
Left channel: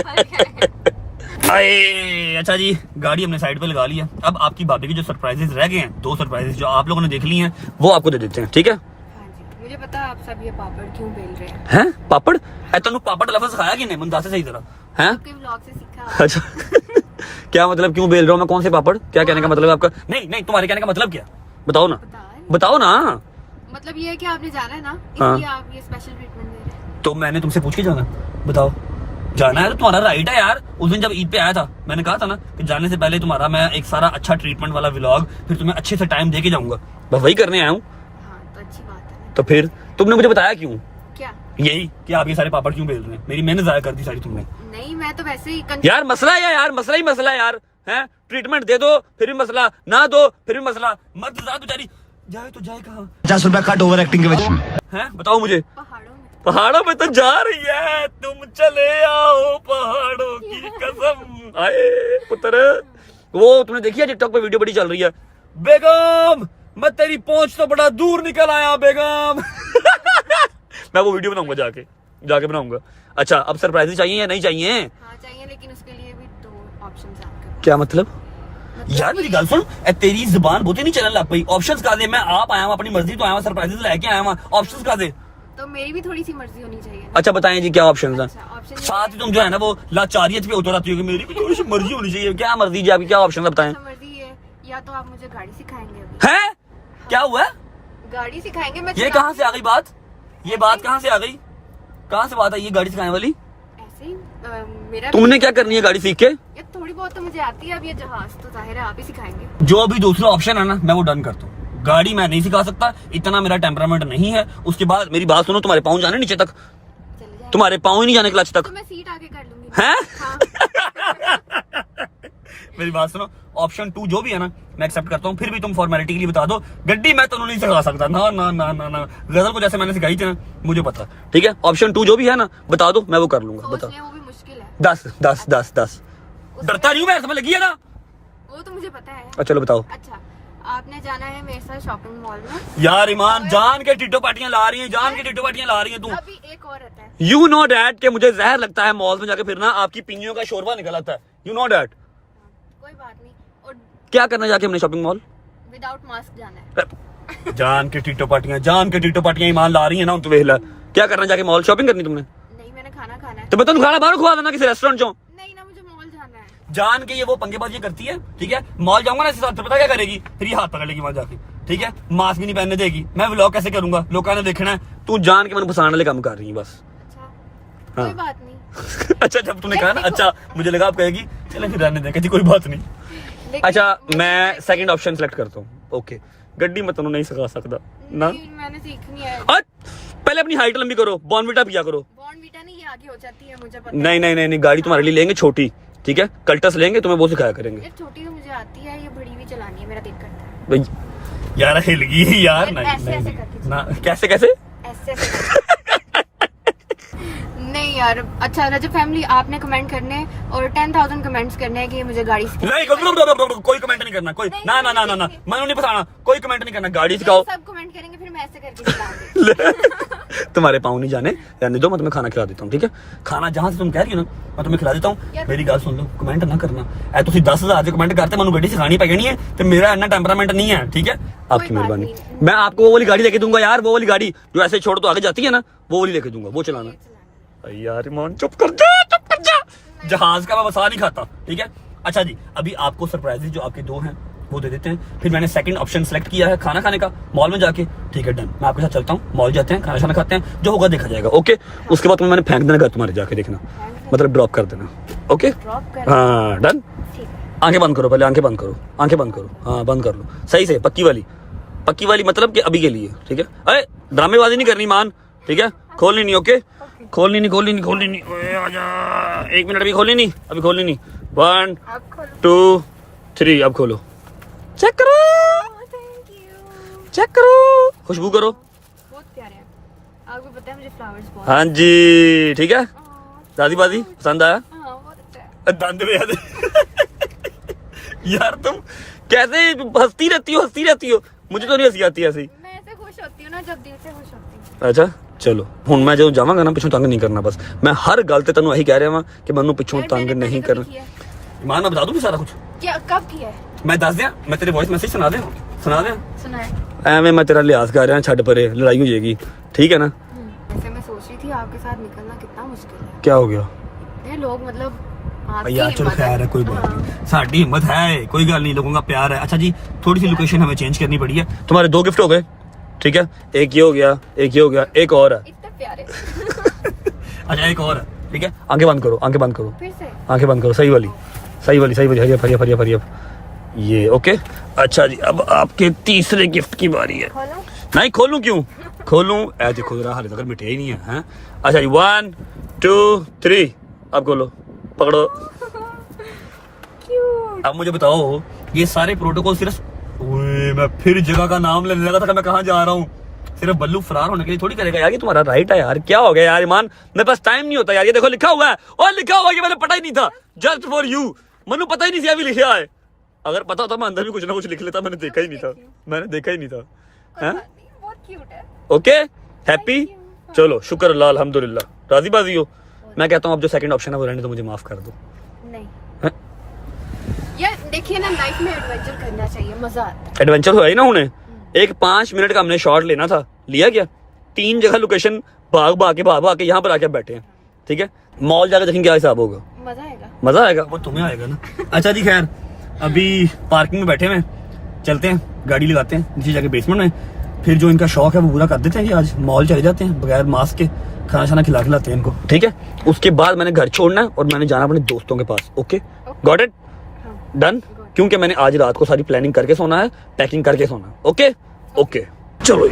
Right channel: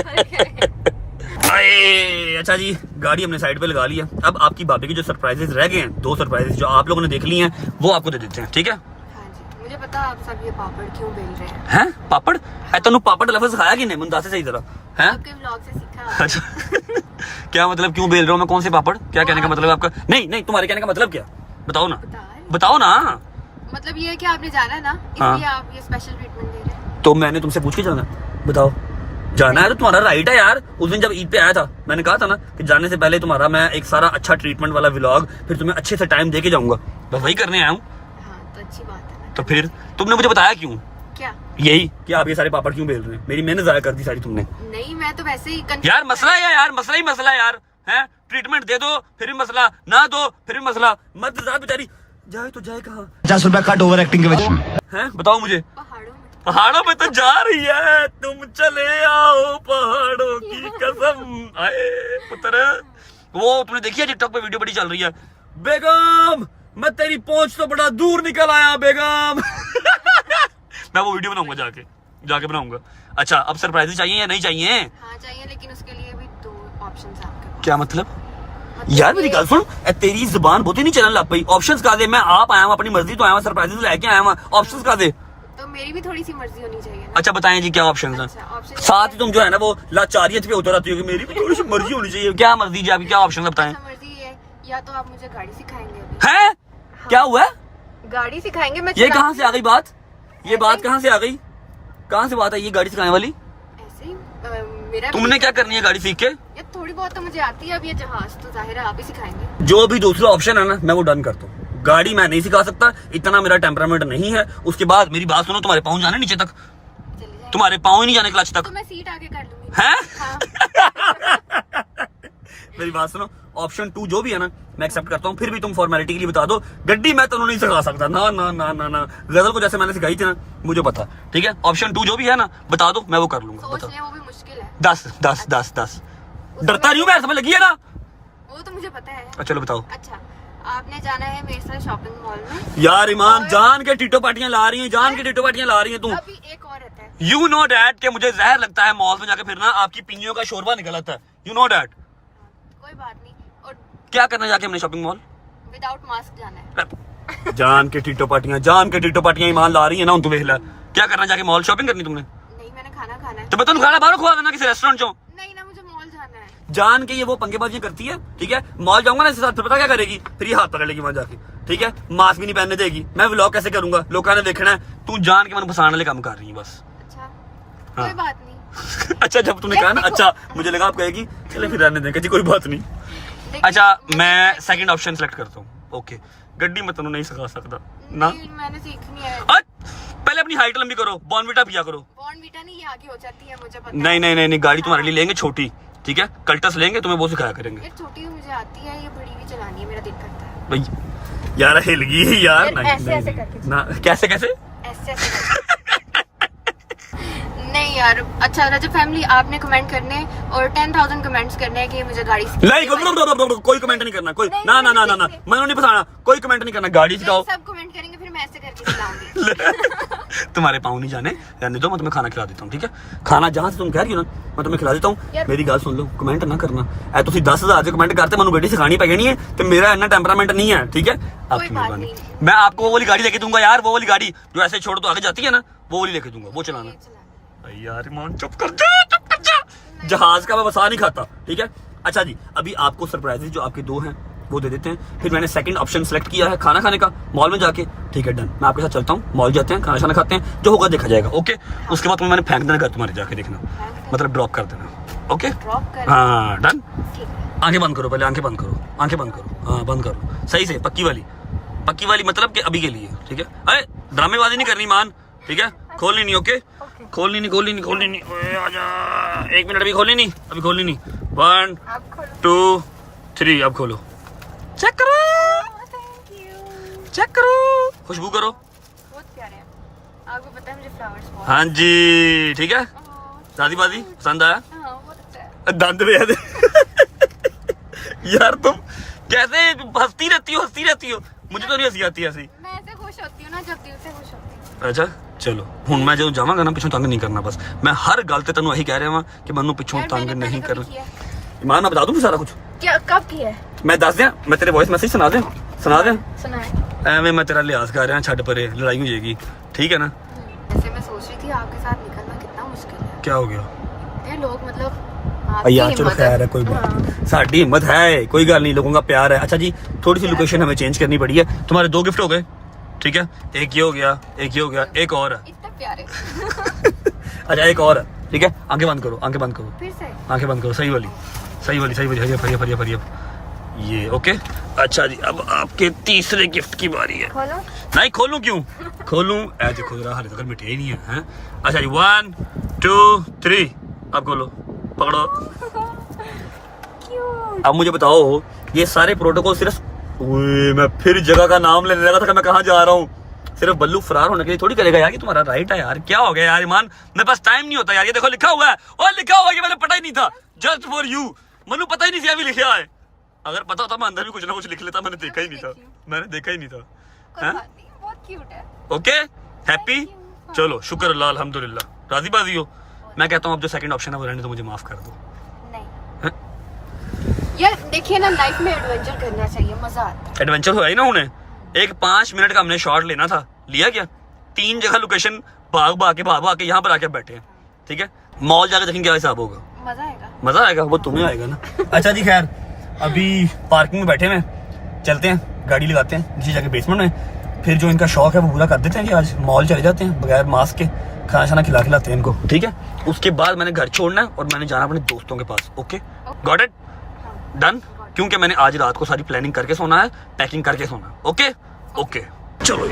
आए। अच्छा जी, गाड़ी हमने साइड पे लगा लिया। अब आपकी भाभी के जो सरप्राइजेस रह गए हैं, 2 सरप्राइजेस जो आप लोगों ने देख लिए हैं, वो आपको दे देते हैं, ठीक है? हाँ जी, मुझे पता है आप सब ये पापड़ क्यों बेल रहे हैं। हैं? पापड़? तनु पापड़ लफ्ज़ सिखाया कि नहीं? मुंदा से सही तरह हैं? आपके व्लॉग से सीखा। अच्छा क्या मतलब क्यों बेल रहा हूँ मैं? कौन से पापड़? क्या कहने का मतलब आपका? नहीं तुम्हारे कहने का मतलब क्या? बताओ ना। मतलब ये है कि आपने जाना है ना, हाँ। इसलिए आप ये स्पेशल ट्रीटमेंट दे रहे हैं। तो मैंने तुमसे पूछ के जाना? बताओ। जाना है तो तुम्हारा राइट है यार। उस दिन जब ईद पे आया था मैंने कहा था ना कि जाने से पहले तुम्हारा मैं एक सारा अच्छा ट्रीटमेंट वाला व्लॉग, फिर तुम्हें अच्छे से टाइम दे के जाऊंगा, बस वही करने आया हूँ। हाँ तो अच्छी बात है ना। तो फिर तुमने मुझे बताया क्यों? क्या? यही कि आप ये सारे पापड़ क्यों बेल रहे हैं? मेरी मेहनत जाया कर दी सारी तुमने। नहीं मैं तो वैसे ही यार मसला है यार, मसला है यार, हैं? ट्रीटमेंट दे दो फिर भी मसला, ना दो फिर भी मसला, मत जा बेचारी, जाए तो जाए कहाँ? 50 रुपया कट ओवर एक्टिंग के वजह हैं? बताओ मुझे। पहाड़ों पहाड़ों में पे तो जा रही है, तुम चले आओ पहाड़ों की कसम। आए पुत्र, वो तुमने देखी है टिकटॉक पे वीडियो बड़ी चल रही है, बेगम मैं तेरी पहुंच तो बड़ा दूर निकल आया बेगम। मैं वो वीडियो बनाऊंगा, जाके बनाऊंगा। अच्छा अब सरप्राइज चाहिए या नहीं चाहिए? हाँ चाहिए, लेकिन उसके लिए भी 2 ऑप्शंस आपके पास। क्या मतलब? यार मेरी गल सुन, तेरी जुबान बहुत ही नहीं चलने लग पई। ऑप्शंस का दे, मैं आप आया हूँ अपनी मर्जी तो आया हूँ, सरप्राइजेस लेके आया हूँ, ऑप्शंस का दे। तो मेरी भी थोड़ी सी मर्जी होनी चाहिए ना। अच्छा बताएं जी क्या ऑप्शंस हैं? ऑप्शन साथ ही तुम जो है ना वो लाचारियत पे उतर आती हो कि मेरी भी थोड़ी सी मर्जी होनी चाहिए। क्या मर्जी जी आपकी, क्या ऑप्शन है बताएं? मर्जी है, या तो आप मुझे गाड़ी सिखाएंगे अभी। हैं? क्या हुआ? गाड़ी सिखाएंगे मैं। ये कहाँ से आ गई बात? ये बात कहाँ से आ गई? कहाँ से बात है ये गाड़ी सिखाने वाली? ऐसे ही मेरा तुमने क्या करनी है गाड़ी सीख के? ये थोड़ी बहुत तो मुझे आती है। अब ये जहाज तो जाहिर है आप ही सिखाएंगे। जो भी दूसरा ऑप्शन है ना मैं वो डन करता हूँ। गाड़ी मैं नहीं सिखा सकता, इतना मेरा टेम्परामेंट नहीं है। उसके बाद मेरी बात सुनो, तुम्हारे पाँव जाने नीचे तक, चले जाए तुम्हारे पाँव ही नहीं जाने क्लच तक तो मैं सीट आगे कर लूंगी। हैं? हाँ। मेरी बात सुनो, ऑप्शन 2 जो भी है ना मैं एक्सेप्ट करता हूँ। फिर भी तुम फॉर्मेलिटी के लिए बता दो, गड्डी मैं तुम्हें नहीं सिखा सकता। ना ना ना ना ना, गजल को जैसे मैंने सिखाई थी ना मुझे पता, ठीक है। ऑप्शन 2 जो भी है ना बता दो, मैं वो कर लूंगा। सोच बताओ। ले, वो भी मुश्किल है। 10 डरता नहीं हूँ मैं, समझ लगी है ना? वो तो मुझे पता है। अच्छा चलो बताओ। अच्छा, आपने जाना है मेरे साथ शॉपिंग मॉल में। यार ईमान, जान के टिटो पार्टियां ला रही हैं, जान के टिटो पार्टियां ला रही हैं तुम। अभी एक और रहता है। यू नो डैट के मुझे जहर लगता है मॉल में जाके फिरना, आपकी पिंजियों का शोरबा निकल आता है। You know that. कोई बात नहीं। और क्या करना जाके हमने शॉपिंग मॉल? विदाउट मास्क जाना है। जान के टिटो पार्टियां ईमान ला रही है ना, तू वेख ला। क्या करना जाके मॉल शॉपिंग करनी तुमने? नहीं, मैंने खाना खाना है। तो मैं तुम खाना बाहर खुआ देना किसी रेस्टोरेंट चो। नहीं ना, मुझे मॉल जाना है। जान के ये वो पंगेबाजी करती है, ठीक है। मॉल जाऊंगा ना इसके साथ, फिर पता क्या करेगी? फिर ये हाथ पकड़ लेगी वहां जाके, ठीक है। मास्क भी नहीं पहनने देगी। मैं व्लॉग कैसे करूंगा? लोगों ने देखना है। तू जान के मन फसाने वाले काम कर रही है बस। अच्छा, हाँ। कोई बात नहीं। अच्छा जब तूने कहा ना अच्छा, मुझे लगा आप कहेगी चले फिर रहने दें, कोई बात नहीं। देखिए, अच्छा मैं सेकंड ऑप्शन सेलेक्ट करता हूँ। ओके, गड्डी मैं तुम्हें नहीं सिखा सकता ना। नहीं, मैंने सीखनी है। पहले अपनी हाइट लंबी करो, बॉर्नविटा पिया करो। बॉर्नविटा नहीं, ये आगे हो जाती है, मुझे पता नहीं, गाड़ी तुम्हारे लिए लेंगे छोटी, ठीक है। कल्टस लेंगे, तुम्हें वो सिखाया करेंगे। है। छोटी तो मुझे आती है, ये बड़ी भी चलानी है, मेरा दिल करता है। भाई यार हिल गई यार। नहीं ऐसे ऐसे करती ना, कैसे ऐसे ऐसे। नहीं यार, अच्छा रजब फैमिली, आपने कमेंट करने और 10,000 कमेंट्स करने हैं कि मुझे गाड़ी नहीं, कोई कमेंट नहीं करना, कोई ना ना ना ना ना, मैंने नहीं फंसाना, कोई कमेंट नहीं करना। गाड़ी सिखाओ। सब कमेंट करेंगे, फिर मैं ऐसे करके चलाऊंगी। तुम्हारे पाँव नहीं जाने, रहने दो, मैं तुम्हें खाना खिला देता हूँ, ठीक है। खाना जहाँ से तुम कह रही हो ना मैं तुम्हें खिला देता हूँ। मेरी गल सुन लो, कमेंट ना करना ऐ। तुम 10,000 से कमेंट करते मैं गड्डी सिखानी पै जानी है, तो मेरा इतना टेम्परामेंट नहीं है, ठीक है। आपकी मेहरबानी। मैं आपको वो वाली गाड़ी लेके दूंगा यार, वो वाली गाड़ी जो ऐसे छोड़ तो आगे जाती है ना, वो वाली लेके दूंगा, वो चलाना। यार ईमान चुप कर जा। जहाज का मैं वसा नहीं खाता, ठीक है। अच्छा जी, अभी आपको सरप्राइजेस जो आपके 2 हैं वो दे देते हैं। फिर मैंने सेकंड ऑप्शन सेलेक्ट किया है खाना खाने का मॉल में जाके, ठीक है डन। मैं आपके साथ चलता हूँ, मॉल जाते हैं, खाना खाना खाते हैं, जो होगा देखा जाएगा, ओके। उसके बाद मैंने फेंक देना घर तुम्हारे जाके, देखना मतलब ड्रॉप कर देना, ओके। हाँ डन। आंखें बंद करो, पहले आंखें बंद करो, आंखें बंद करो, हाँ बंद कर लो सही से, पक्की वाली मतलब कि अभी के लिए, ठीक है। अरे ड्रामेबाजी नहीं करनी मान, ठीक है। खोलनी नहीं, ओके। खोलनी नहीं। ओए आजा, 1 मिनट भी खोलनी नहीं, अभी खोलनी नहीं। 1 2 3 अब खोलो। चेक करो, खुशबू करो। बहुत प्यारे हैं, आपको पता है मुझे फ्लावर्स बहुत। हाँ जी, ठीक है। शादी बाजी पसंद आया? हाँ, बहुत अच्छा है। दंद पे याद यार तुम कैसे हंसती रहती हो, मुझे तो नहीं हंसी आती ऐसी। मैं ऐसे खुश होती हूँ ना, जब दिल से खुश होती हूँ। अच्छा चलो, हुन मैं जो जावांगा ना पिछों तंग नहीं करना, बस मैं हर गल ते तैनूं यही कह रहा हां कि मैनूं पिछों यार, तंग मैंने नहीं पहले करना। कभी किया? ईमान मैं बता दूं सारा कुछ, क्या कब किया है? मैं दस दियां, मैं तेरे वॉइस मैसेज सुना दें। सुनाए। एवें मैं तेरा लिहाज कर रहा, छड़ परे, लड़ाई हो जाएगी, ठीक है ना। वैसे मैं सोच रही थी आपके साथ निकलना कितना मुश्किल है। क्या हो गया? ये लोग मतलब आपकी यार चलो हिम्मत है। खैर है, कोई बात नहीं, साडी हिम्मत है, कोई गल नहीं, लोगों का प्यार है। अच्छा जी, थोड़ी सी लोकेशन हमें चेंज करनी पड़ी है। तुम्हारे 2 गिफ्ट हो गए, ठीक है। एक ये हो गया, एक और है। इतने प्यारे। अच्छा एक और है, ठीक है। आंखें बंद करो, फिर से आंखें बंद करो, सही वाली हरिया ये, ओके। अच्छा जी, अब आपके तीसरे गिफ्ट की बारी है। खोलो। नहीं खोलूं क्यों? खोलूं ऐ देखो जरा, हाले तक मिठे ही नहीं है, हैं? अच्छा जी 1 2 3 अब खोलो, पकड़ो। अब मुझे बताओ, ये सारे प्रोटोकॉल सिर्फ, ओए मैं फिर जगह का नाम लेने लगा था कि मैं कहाँ जा रहा हूँ। सिर्फ बल्लू फरार होने के लिए थोड़ी करेगा यार, ये तुम्हारा राइट है यार। क्या हो गया यार ईमान, मेरे पास टाइम नहीं होता यार। ये देखो लिखा हुआ है, और लिखा हुआ है कि मैंने पता ही नहीं था, जस्ट फॉर यू। मैंने पता ही नहीं था अभी लिखा है, अगर पता होता मैं अंदर भी कुछ ना कुछ लिख लेता। मैंने देखा ही नहीं था, कोई बात नहीं, बहुत क्यूट है। ओके हैप्पी, चलो शुक्र अल्लाह अल्हम्दुलिल्लाह। राजी बाजी हो? मैं कहता हूँ अब जो सेकंड ऑप्शन है वो रहने तो, मुझे माफ कर दो। नहीं हाँ? यार देखिए ना, लाइफ में एडवेंचर करना चाहिए, मजा आता है। एडवेंचर तो है ही ना। उन्हें एक 5 मिनट का हमने शॉट लेना था, लिया क्या? 3 जगह लोकेशन भाग के यहाँ पर आके बैठे हैं, ठीक है। मॉल जाकर देखेंगे क्या हिसाब होगा। मजा आएगा, वो तुम्हें आएगा ना। अच्छा जी खैर, अभी पार्किंग में बैठे हुए, चलते हैं गाड़ी लगाते हैं नीचे जाके बेसमेंट में, फिर जो इनका शौक है वो पूरा कर देते हैं कि आज मॉल चले जाते हैं बगैर मास्क के, खाना शाना खिलाते हैं इनको, ठीक है। उसके बाद मैंने घर छोड़ना है और मैंने जाना अपने दोस्तों के पास। Okay, got it, done. क्योंकि मैंने आज रात को सारी प्लानिंग करके सोना है, पैकिंग करके सोना। ओके ओके, चलो।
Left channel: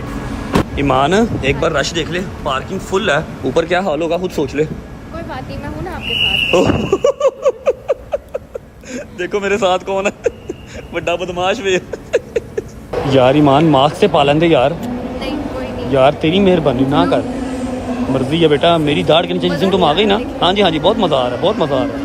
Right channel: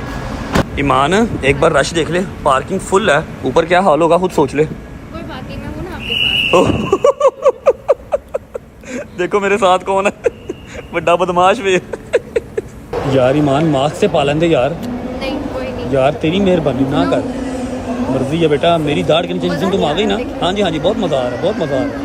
ईमान एक बार रश देख ले, पार्किंग फुल है, ऊपर क्या हाल होगा खुद सोच ले। कोई बात नहीं, मैं हूँ ना आपके साथ। देखो मेरे साथ कौन है, बड़ा बदमाश वे। यार ईमान मास्क से पालन दे यार। नहीं कोई नहीं यार तेरी मेहरबानी ना कर, मर्जी है बेटा, मेरी दाढ़ के नीचे जिस दिन तुम आ गई ना। हाँ जी हाँ जी, बहुत मजा आ रहा है, बहुत मजा आ रहा है।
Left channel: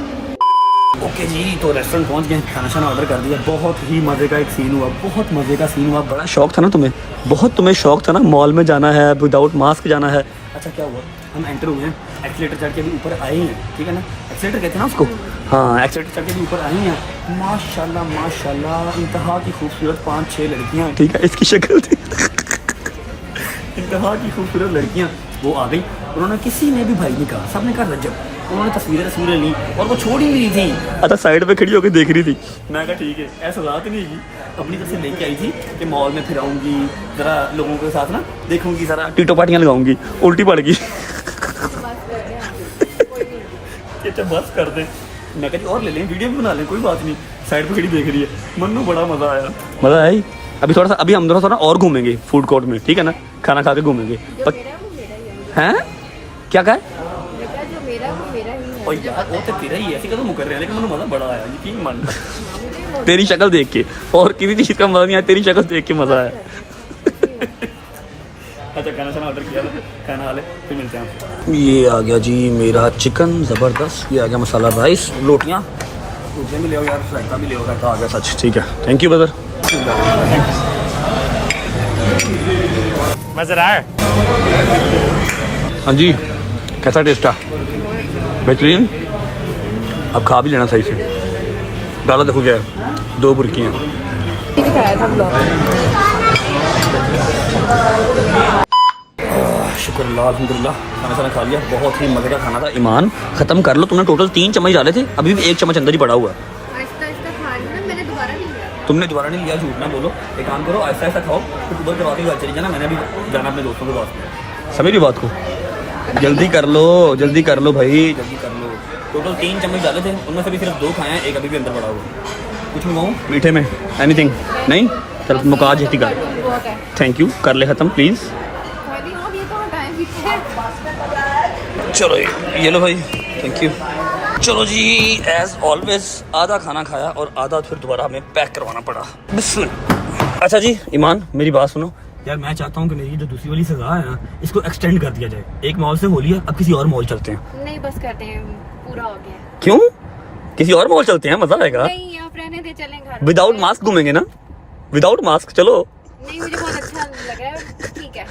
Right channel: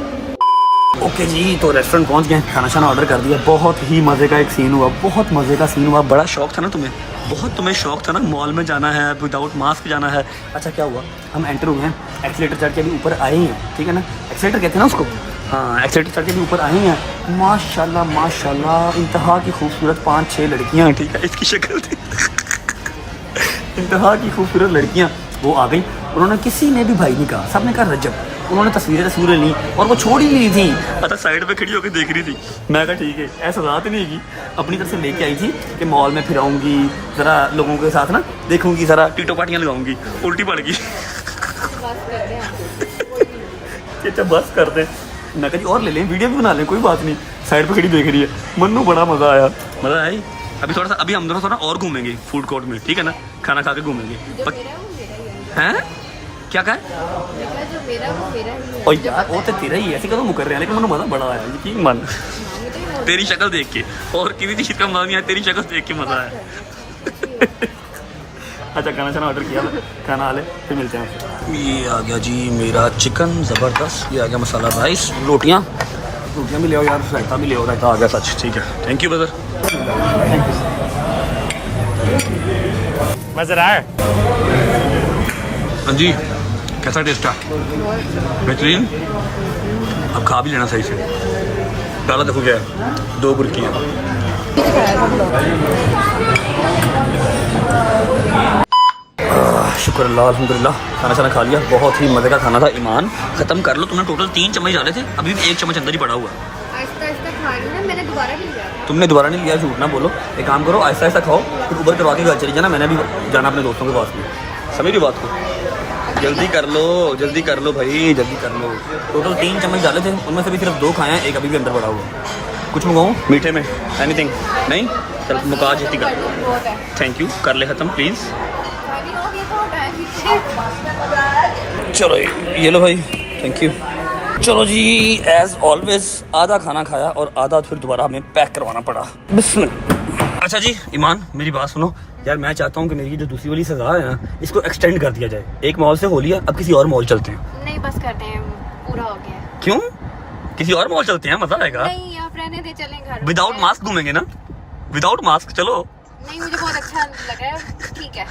ओके जी, तो रेस्टोरेंट पहुंच गए, खाना शाना ऑर्डर कर दिया। बहुत ही मजे का एक सीन हुआ, बहुत मजे का सीन हुआ। बड़ा शौक था ना तुम्हें, बहुत तुम्हें शौक था ना मॉल में जाना है, विदाउट मास्क जाना है। अच्छा क्या हुआ, हम एंटर हुए हैं, एक्सीलेटर चढ़ के अभी ऊपर आए हैं, ठीक है ना, एक्सीलेटर कहते हैं ना उसको। हाँ, एक्सीलेटर चढ़ के भी ऊपर आए हैं। माशाल्लाह माशाल्लाह, इंतहा की खूबसूरत 5-6 लड़कियां हैं, ठीक है, इसकी शक्ल थी। इंतहा की खूबसूरत लड़कियां वो आ गई, उन्होंने किसी ने भी भाई नहीं कहा, सबने कहा रजब। उन्होंने तस्वीरें ली और वो छोड़ ही नहीं थी। अच्छा साइड पे खड़ी होकर देख रही थी, मैं कहा ठीक है, ऐसा बात नहीं है, अपनी तरफ से लेके आई थी कि मॉल में फिराऊंगी, जरा लोगों के साथ ना देखूंगी, जरा टीटो पार्टियां लगाऊंगी, उल्टी पड़ गई। अच्छा बस कर दे, मैं कहा जी और ले लें, वीडियो भी बना लें, कोई बात नहीं। साइड पे खड़ी देख रही है, मन्नू बड़ा मजा आया, मजा आया। अभी थोड़ा सा, अभी हम थोड़ा सा और घूमेंगे फूड कोर्ट में, ठीक है ना, खाना खा के घूमेंगे। हैं क्या कहा? और यार वो तो तेरा ही है, ऐसे कदम मुकर रहे हैं, लेकिन मुझे मजा बड़ा आया, यकीन मान। तेरी शक्ल देख के, और किसी चीज का मजा नहीं आया, तेरी शक्ल देख के मजा आया। अच्छा खाना शाना ऑर्डर किया, खाना आ ले, फिर मिलते हैं आपसे। ये आ गया जी मेरा चिकन जबरदस्त, ये आ गया मसाला राइस, रोटियाँ भी ले आओ यार, रायता भी ले आओ, रायता आ गया सच, ठीक है, थैंक यू ब्रदर। मजा आया? हाँ जी, कैसा टेस्ट है? बेहतरीन। अब खा भी लेना सही से, डालो देखो क्या, 2 बुर्कियाँ। शुक्र अल्लाह, अल्हम्दुलिल्लाह, खाना शाना खा लिया, बहुत ही मजे का खाना था। ईमान खत्म कर लो, तुमने टोटल 3 चम्मच डाले थे, अभी भी 1 चम्मच अंदर ही पड़ा हुआ है। आहिस्ता आहिस्ता खा रही हूँ ना, मैंने दोबारा भी लिया। तुमने दोबारा नहीं लिया, झूठ ना बोलो। एक काम करो, ऐसा ऐसा खाओ, फिर ऊबर करवा के घर चली जाना, मैंने भी जाना अपने दोस्तों के पास में। समझ रही बात को? जल्दी कर लो, जल्दी कर लो भाई, जल्दी कर लो। टोटल 3 चम्मच डाले थे, उनमें से भी सिर्फ 2 खाए हैं, एक अभी भी अंदर पड़ा हुआ। कुछ मंगाऊँ मीठे में? एनीथिंग? नहीं, चल मुका जल्दी कर। बहुत है, थैंक यू, कर ले खत्म प्लीज़। अभी हो गया तो टाइम भी चलो ये लो भाई, थैंक यू। चलो जी, एज ऑलवेज आधा खाना खाया और आधा फिर दोबारा हमें पैक करवाना पड़ा। बिस्मिल्लाह। अच्छा जी ईमान, मेरी बात सुनो यार, मैं चाहता हूँ कि मेरी जो दूसरी वाली सजा है ना, इसको एक्सटेंड कर दिया जाए। एक मॉल से हो लिया, अब किसी और मॉल चलते हैं। नहीं बस करते हैं, पूरा हो गया। क्यों? किसी और मॉल चलते हैं, मजा आएगा। नहीं आप रहने दे, चलें घर। विदाउट मास्क घूमेंगे ना, विदाउट मास्क। चलो। नहीं मुझे बहुत अच्छा लग रहा है, ठीक है।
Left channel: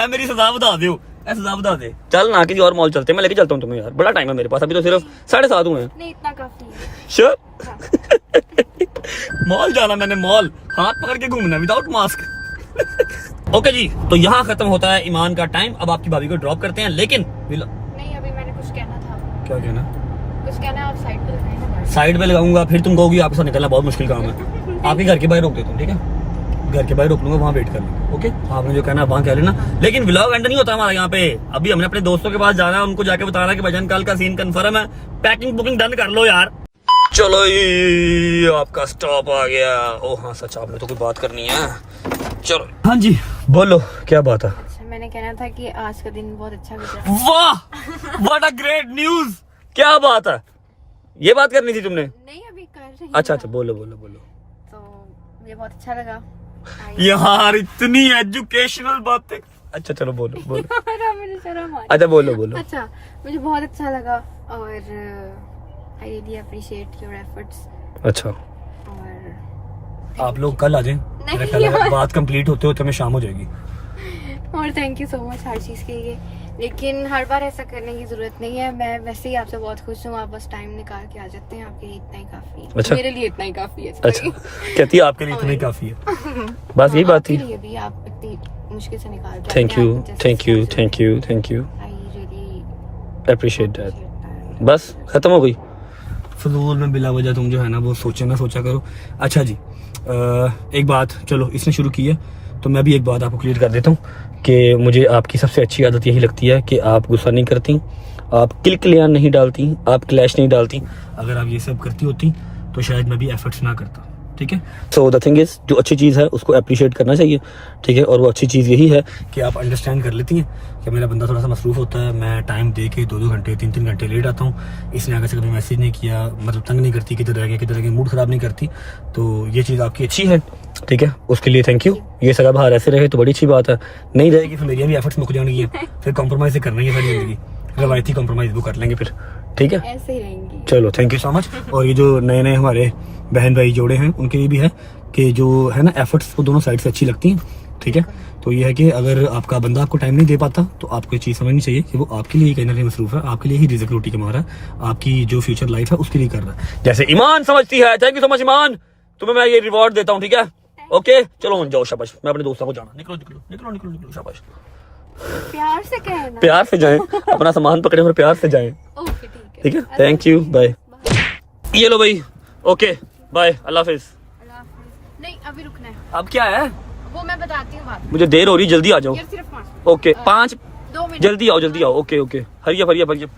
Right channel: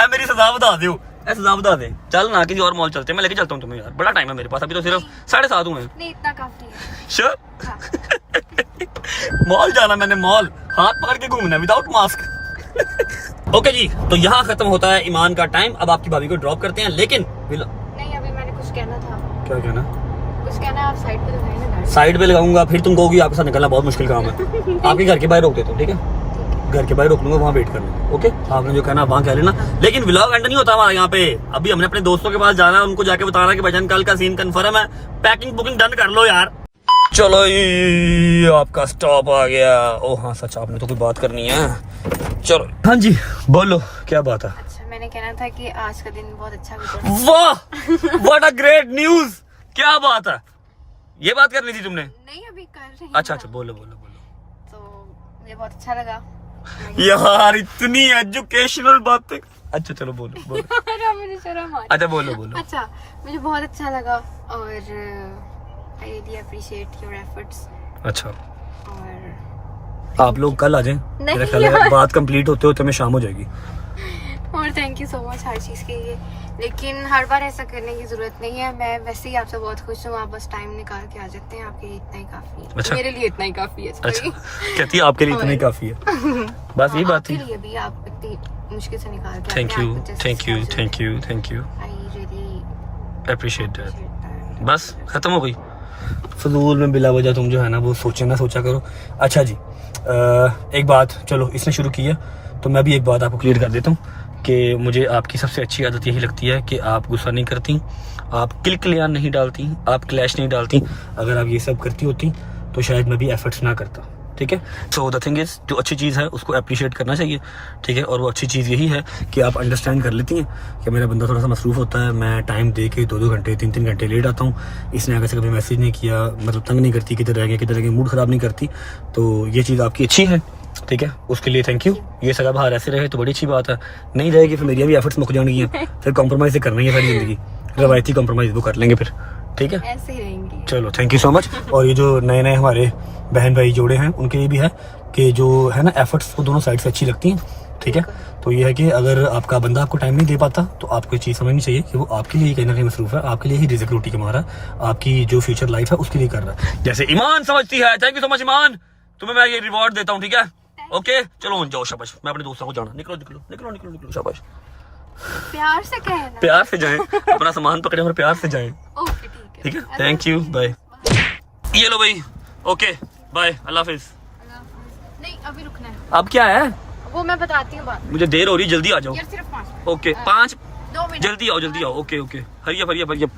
अब मेरी सजा बता दो, सजा बता दे, चल ना किसी और मॉल चलते हैं, मैं लेके चलता हूँ तुम्हें यार, बड़ा टाइम है मेरे पास, अभी तो सिर्फ 7:30 हुए हैं। नहीं इतना काफी है। श्योर? मॉल जाना मैंने, मॉल हाथ पकड़ के घूमना विदाउट मास्क। ओके जी, तो यहाँ खत्म होता है ईमान का टाइम। अब आपकी भाभी को ड्रॉप करते हैं, लेकिन नहीं अभी मैंने कुछ कहना था। क्या कहना? कुछ कहना, आप साइड पे लगाएंगे। साइड पे लगाऊंगा, फिर तुम कहोगी आपके साथ निकलना बहुत मुश्किल काम है। आपके घर के बाहर रोक देता हूँ, ठीक है, घर के बाहर रोक लूंगा, वहाँ वेट कर लेंगे। ओके, आपने जो कहना वहाँ कह लेना, लेकिन व्लॉग एंड नहीं होता हमारा यहाँ पे। अभी हमने अपने दोस्तों के पास जाना है, उनको जाके बताना कि भाईजान कल का सीन कंफर्म है, पैकिंग बुकिंग डन कर लो यार। चलो ये आपका स्टॉप आ गया। ओ हाँ सच, आपने तो कोई बात करनी है। चलो हाँ जी बोलो, क्या बात है? अच्छा मैंने कहना था कि आज का दिन बहुत अच्छा गुजरा। वाह, व्हाट अ ग्रेट न्यूज, क्या बात है, ये बात करनी थी तुमने? नहीं अभी कर रही हूँ। अच्छा बोलो बोलो बोलो। तो मुझे बहुत अच्छा लगा यार, इतनी एजुकेशनल बातें। अच्छा चलो बोलो बोलो। मुझे शर्म आ रही। अच्छा बोलो बोलो। अच्छा मुझे बहुत अच्छा लगा और I really appreciate your efforts. अच्छा, और आप लोग कल आ जाएं, मेरा ख्याल है बात कंप्लीट होते होते में शाम हो जाएगी। और थैंक यू सो मच हर चीज़ के लिए, लेकिन हर बार ऐसा करने की जरूरत नहीं है। मैं वैसे ही आपसे बहुत खुश हूँ, आप बस टाइम निकाल के आ जाते हैं, आपके लिए इतना ही काफी है। अच्छा। मेरे लिए इतना ही काफी है। अच्छा कहती है आपके लिए इतना ही काफी है, बस यही बात थी। आपके लिए भी आप इतनी मुश्किल से निकालते हैं। Thank you thank you thank you thank you, I really appreciate that. बस खत्म हो गई। फजूल में बिला वजह तुम जो है ना वो सोचा करो। अच्छा जी, एक बात, चलो इसने शुरू की है तो मैं भी एक बात आपको क्लियर कर देता हूँ कि मुझे आपकी सबसे अच्छी आदत यही लगती है कि आप गुस्सा नहीं करती, आप किलकिलियां नहीं डालती, आप क्लैश नहीं डालती। अगर आप ये सब करती होती तो शायद मैं भी एफर्ट्स ना करता, ठीक है। सो द थिंग इज, जो अच्छी चीज़ है उसको अप्रिशिएट करना चाहिए, ठीक है। और वो अच्छी चीज़ यही है कि आप अंडरस्टैंड कर लेती हैं कि मेरा बंदा थोड़ा सा मसरूफ़ होता है, मैं टाइम दे के 2-2 घंटे 3-3 घंटे लेट आता हूँ, इसने आगे से कभी मैसेज नहीं किया, मतलब तंग नहीं करती, किधर रह गए, मूड ख़राब नहीं करती। तो ये चीज़ आपकी अच्छी है, ठीक है, उसके लिए थैंक यू। ये सगा बाहर ऐसे रहे तो बड़ी अच्छी बात है, नहीं रहेगी फिर मेरी भी एफर्ट्स मुक जाएंगी हैं, फिर कॉम्प्रोमाइज़ करना ही है सारी ज़िंदगी, रवायती कॉम्प्रोमाइज़ वो कर लेंगे फिर, ठीक है। ऐसे ही रहेंगी। चलो थैंक यू सो मच। और ये जो नए नए हमारे बहन भाई जोड़े हैं उनके ये भी है कि जो है ना एफर्ट्स वो दोनों साइड से अच्छी लगती हैं, ठीक है। तो ये है कि अगर आपका बंदा आपको टाइम नहीं दे पाता तो आपको ये चीज़ समझनी चाहिए कि वो आपके लिए कहीं ना कहीं मसरूफ़ है, आपके लिए ही रिज़्क रोटी कमा रहा है, आपकी जो फ्यूचर लाइफ है उसके लिए कर रहा है। जैसे ईमान समझती है, थैंक यू सो मच ईमान, तुम्हें मैं ये रिवॉर्ड देता हूँ, ठीक है। ओके चलो जाओ, शाबाश। मैं अपने दोस्तों को जाना, निकलो निकलो निकलो निकलो निकलो, शाबाश। प्यार से कहना। प्यार से जाएं, अपना सामान पकड़े और प्यार से जाएं, ओके ठीक है। Thank you, bye. ये लो भाई, ओके बाय, अल्लाह हाफिज। नहीं अभी रुकना है, अब क्या है वो मैं बताती हूँ बात। मुझे देर हो रही, जल्दी आ जाओ। यार सिर्फ 5 मिनट। ओके 5 2 मिनट जल्दी आओ जल्दी आओ। Okay okay hurry up hurry up hurry up.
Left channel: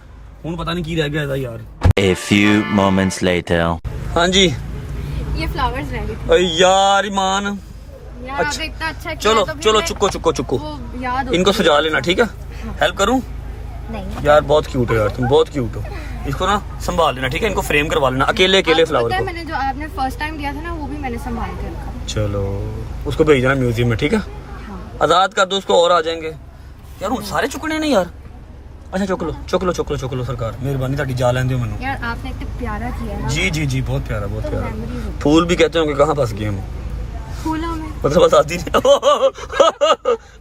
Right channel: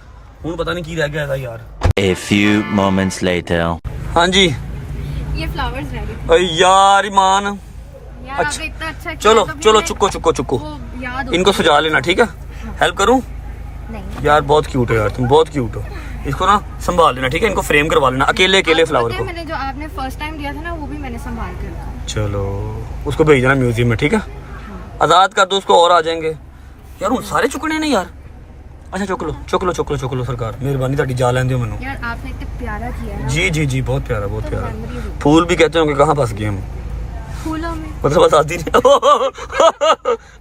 हूँ पता नहीं की रह गया था यार। A few moments later. हाँ जी ये फ्लावर्स रह गए थे अरे यार ईमान, यार। अच्छा। आपने इतना अच्छा किया चलो तो भी चलो मैं- चुको चुको चुको, वो याद हो इनको सजा लेना, ठीक है। हेल्प करूँ नहीं यार, बहुत क्यूट हो यार तुम, बहुत क्यूट हो। इसको ना संभाल लेना, ठीक है, इनको फ्रेम करवा लेना अकेले अकेले आपको फ्लावर पता है को। मैंने जो आपने फर्स्ट टाइम दिया था ना वो भी मैंने संभाल के रखा। चलो उसको भेज देना म्यूजियम में, ठीक है। आजाद कर दो उसको, और आ जाएंगे यार। उन सारे चुकने नहीं यार। अच्छा चुक लो चुक लो चुक लो चुक लो, सरकार मेहरबानी ताड़ी जा लेंदे हो मैनू। यार आपने इतना प्यारा किया ना। जी जी जी बहुत प्यारा बहुत तो प्यारा। memories होती फूल भी कहते होंगे कहाँ फंस गए हम, फूलों में। मतलब आजादी नहीं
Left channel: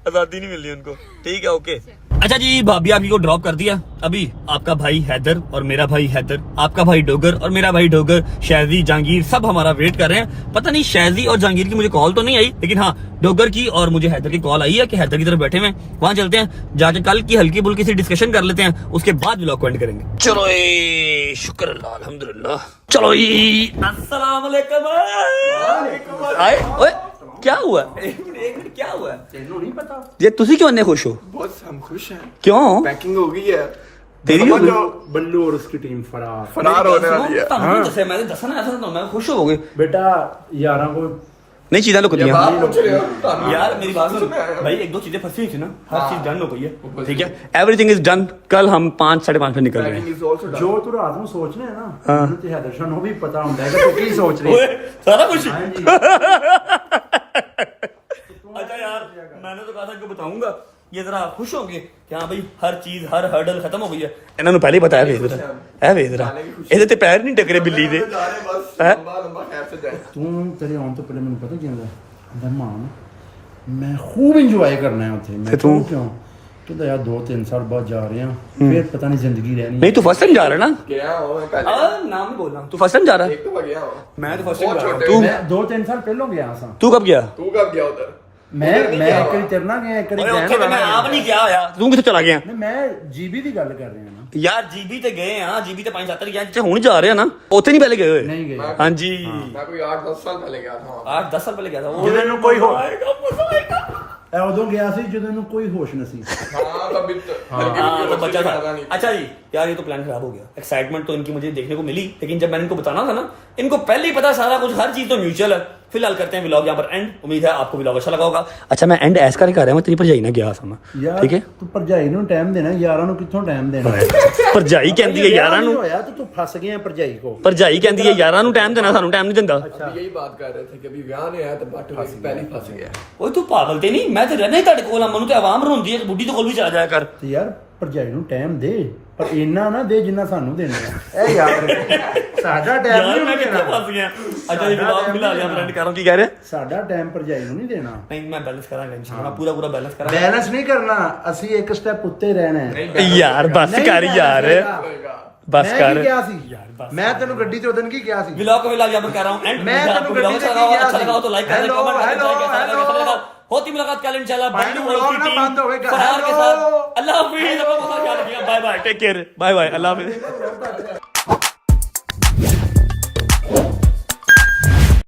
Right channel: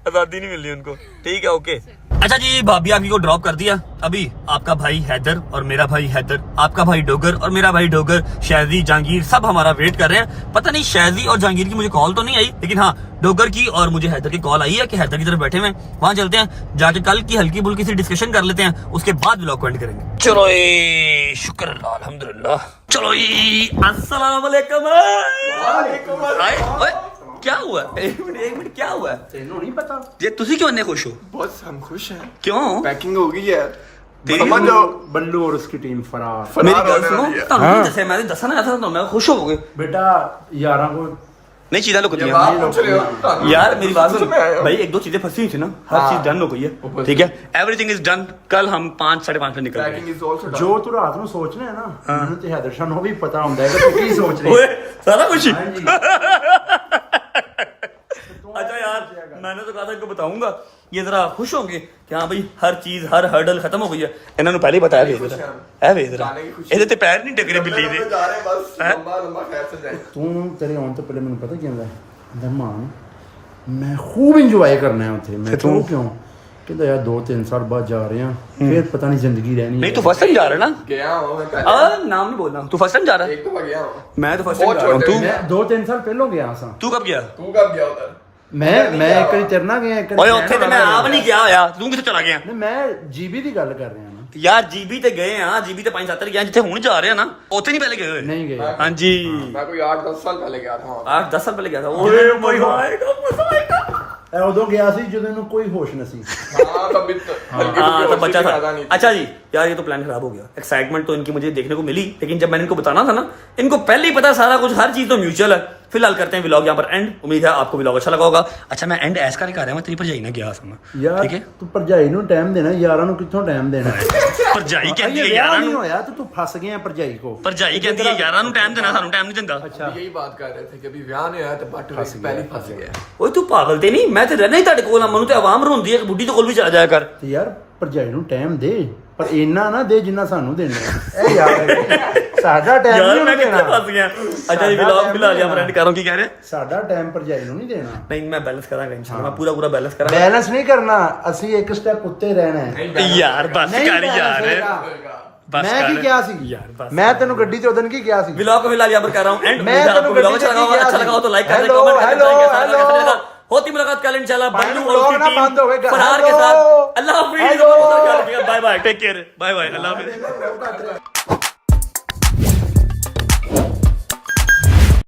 आजादी नहीं मिल रही उनको, ठीक है ओके। अच्छा जी भाभी आपकी को ड्रॉप कर दिया अभी। आपका भाई हैदर और मेरा भाई हैदर, आपका भाई डोगर और मेरा भाई डोगर, शहजी जहांगीर सब हमारा वेट कर रहे हैं। पता नहीं शहजी और जहांगीर की मुझे कॉल तो नहीं आई, लेकिन हाँ डोगर की और मुझे हैदर की कॉल आई है कि हैदर की तरफ बैठे हुए हैं। वहां चलते हैं, जाके कल की हल्की बुल्की सी डिस्कशन कर लेते हैं, उसके बाद व्लॉग को एंड करेंगे। चलो शुक्र अल्लाह अल्हम्दुलिल्लाह। चलो अस्सलाम वालेकुम। क्या हुआ? एक मिनट क्या हुआ? तेनों नहीं पता? ये तुसी क्यों इतने खुश हो? बस हम खुश हैं। क्यों? पैकिंग हो गई है। बल्लू और उसकी टीम फरार। मेरी गल सुनो, तुम जैसे मैंने दसना ऐसा तो मैं खुश होगी। बेटा यारा को नहीं चीजें लुक जब आप पूछ रहे हो यार मेरी बात सुन भाई, 1-2 चीजें फंसी हुई थी ना, हर चीज डन हो गई है, ठीक है। Everything is done. कल हम 5-5:30 निकल रहे पैकिंग हैं। Is also done. जो तू रात ਨੂੰ ਸੋਚਣਾ ਹੈ ਨਾ ਮੈਨੂੰ ਤੇ ਹੈਦਰ ਸ਼ਾਹ ਨੂੰ ਵੀ ਪਤਾ ਹੁੰਦਾ ਹੈ ਕਿ ਤੂੰ ਕੀ ਸੋਚ ਰਹੀ ओए सारा कुछ हाँ जी। अच्छा यार मैंने तो कहा था इनको बताऊंगा, ये जरा खुश होंगे कि हाँ भाई हर चीज हर हर्डल खत्म हो गई है। इन्होंने पहले ही बताया भेज है भेज रहा ਇਹਦੇ ਤੇ ਪੈਰ ਨਹੀਂ ਟਕਰੇ ਬਿੱਲੀ ਦੇ। जा रहे हैं बस लंबा लंबा खैर से जाए। ਤੂੰ ਤੇਰੇ ਆਉਣ ਤੋਂ ਪਹਿਲੇ ਮੈਨੂੰ ਪਤਾ ਕੀ ਹੁੰਦਾ ਦਰਮਾਨ ਮੈਂ ਖੂਬ ਇੰਜੋਏ ਕਰਨਾ ਹੈ ਉੱਥੇ। ਮੈਂ ਤੂੰ ਕਿਉਂ ਕਹਿੰਦਾ ਯਾਰ 2-3 ਸਾਲ ਬਾਅਦ ਜਾ ਰਹੇ ਹਾਂ ਫਿਰ ਪਤਾ ਨਹੀਂ ਜ਼ਿੰਦਗੀ ਰਹਿਣੀ नहीं तू फर्स्ट टाइम जा रहा है ना? गया हूं मैं पहले। नाम नहीं बोलना, तू फर्स्ट टाइम जा रहा है? एक तो गया हूं। मैं तो फर्स्ट टाइम जा रहा हूँ। बहुत तू ਮੈਂ 2-3 ਸਾਲ ਪਹਿਲਾਂ ਗਿਆ ਸਾਂ। तू कब गया? तू कब गया उधर? ਮੈਂ ਇੱਕ ਵਾਰੀ ਤੇਰੇ ਨਾਲ ਗਿਆ, ਇੱਕ ओए ਉੱਥੇ ਤੇ ਮੈਂ ਆਪ ਨਹੀਂ ਗਿਆ ਹੋਇਆ, ਤੂੰ ਕਿੱਥੇ ਚਲਾ ਗਿਆ? ਨਹੀਂ ਮੈਂ ਜੀਬੀ ਦੀ ਗੱਲ ਕਰ ਰਿਹਾ ਹਾਂ। ਯਾਰ ਜੀਬੀ ਤੇ ਗਏ ਆ, ਜੀਬੀ ਤੇ 5-7 ਗਏ ਜਿੱਥੇ ਹੁਣ ਜਾ ਰਹੇ ਆ ਨਾ, ਉੱਥੇ ਨਹੀਂ ਪਹਿਲੇ ਗਏ ਹੋਏ? ਨਹੀਂ ਗਏ। ਹਾਂਜੀ मैं कोई 8-10 साल पहले गया था वहां। 8-10 साल ਪਹਿਲੇ ਗਿਆ था। ਓਏ ਕੋਈ ਆਏਗਾ ਮਜ਼ਾ ਆਏਗਾ। ਇਹ ਉਦੋਂ ਗਿਆ ਸੀ ਜਦੋਂ ਇਹਨੂੰ ਕੋਈ ਹੋਸ਼ ਨਹੀਂ ਸੀ। हां तब हाँ तब बच्चा था। अच्छा जी यार ये तो प्लान खराब हो गया। एक्साइटमेंट तो इनकी मुझे देखने को मिली, लेकिन जब मैंने इनको बताना था ना, इनको पहले ही पता सारा कुछ, हर चीज तो म्यूचुअल है। फिलहाल करते हैं व्लॉग यहाँ पर एंड। उम्मीद है आपको व्लॉग अच्छा लगा होगा। अच्छा मैं एंड ऐसा करके कर रहा हूँ, तेरी भरजाई ना गया सामने, ਯਾਰ ठीक है। ਤੂੰ ਭਰਜਾਈ ਨੂੰ ਟਾਈਮ ਦੇਣਾ, ਯਾਰਾਂ ਨੂੰ ਕਿੱਥੋਂ ਟਾਈਮ ਦੇਣਾ ਹੈ? ਭਰਜਾਈ ਕਹਿੰਦੀ ਹੈ ਯਾਰਾਂ ਨੂੰ, ਹੋਇਆ ਤੇ ਤੂੰ ਫਸ ਗਿਆ ਭਰਜਾਈ ਕੋ। ਭਰਜਾਈ ਕਹਿੰਦੀ ਹੈ ਯਾਰਾਂ ਨੂੰ ਟਾਈਮ ਦੇਣਾ, ਸਾਨੂੰ ਟਾਈਮ नहीं ਦਿੰਦਾ। यही बात कर रहे थे कि अभी ब्याह नहीं आया तो बट पहले फंस गया। ਓਏ ਤੂੰ ਪਾਗਲ ਤੇ ਨਹੀਂ, ਮੈਂ ਤੇ ਰਹਿਣਾ ਹੀ ਤੁਹਾਡੇ ਕੋਲ ਆ, ਮੈਨੂੰ ਤੇ ਆਵਾਮ ਰੋਂਦੀ ਹੈ ਕਿ ਬੁੱਢੀ ਦੇ ਕੋਲ ਵੀ ਚਲਾ ਜਾਇਆ ਕਰ। ਤੇ ਯਾਰ ਭਰਜਾਈ ਨੂੰ ਟਾਈਮ ਦੇ, ਪਰ ਇੰਨਾ ਨਾ ਦੇ ਜਿੰਨਾ ਸਾਨੂੰ ਦੇਣਾ। ਇਹ ਯਾਰ ਸਾਡਾ ਟਾਈਮ यार ਨਹੀਂ मैं कितने ਦੇਣਾ। फंस गया। अच्छा जी व्लॉग फिलहाल यहाँ पर एंड कर रहा हूँ। की कह रहे हैं? ਸਾਡਾ ਟਾਈਮ ਭਰਜਾਈ ਨੂੰ ਨਹੀਂ ਦੇਣਾ। नहीं मैं बैलेंस करांगा इंशाल्लाह, मैं पूरा बैलेंस करांगा। ਬੈਲੈਂਸ ਨਹੀਂ ਕਰਨਾ, ਅਸੀਂ ਇੱਕ ਸਟੈਪ ਉੱਤੇ ਰਹਿਣਾ ਹੈ। यार बस नहीं कर यार, बैलेंस बस ਮੈਂ ਕੀ कर ਕਿਹਾ ਸੀ यार बस। ਮੈਂ ਤੈਨੂੰ ਗੱਡੀ ਤੇ ਉਦੋਂ ਕੀ ਕਿਹਾ ਸੀ? व्लॉग को फिलहाल यहाँ पर कर रहा हूँ एंड। मैं आपको व्लॉग अच्छा लगा होगा, अच्छा लगा हो तो लाइक कर दें, हेलो, कमेंट कर दें, हेलो, कैसा लगा, कैसा हेलो। लगा। होती मुलाकात कल इंशाल्लाह बंडू और व्लॉग उसकी ना टीम बंद होएगा। फरार के हेलो, साथ। अल्लाह हाफिज़, हेलो। अपना बहुत सारा ख्याल रखिएगा। Bye bye, take care, bye bye, अल्लाह हाफिज़।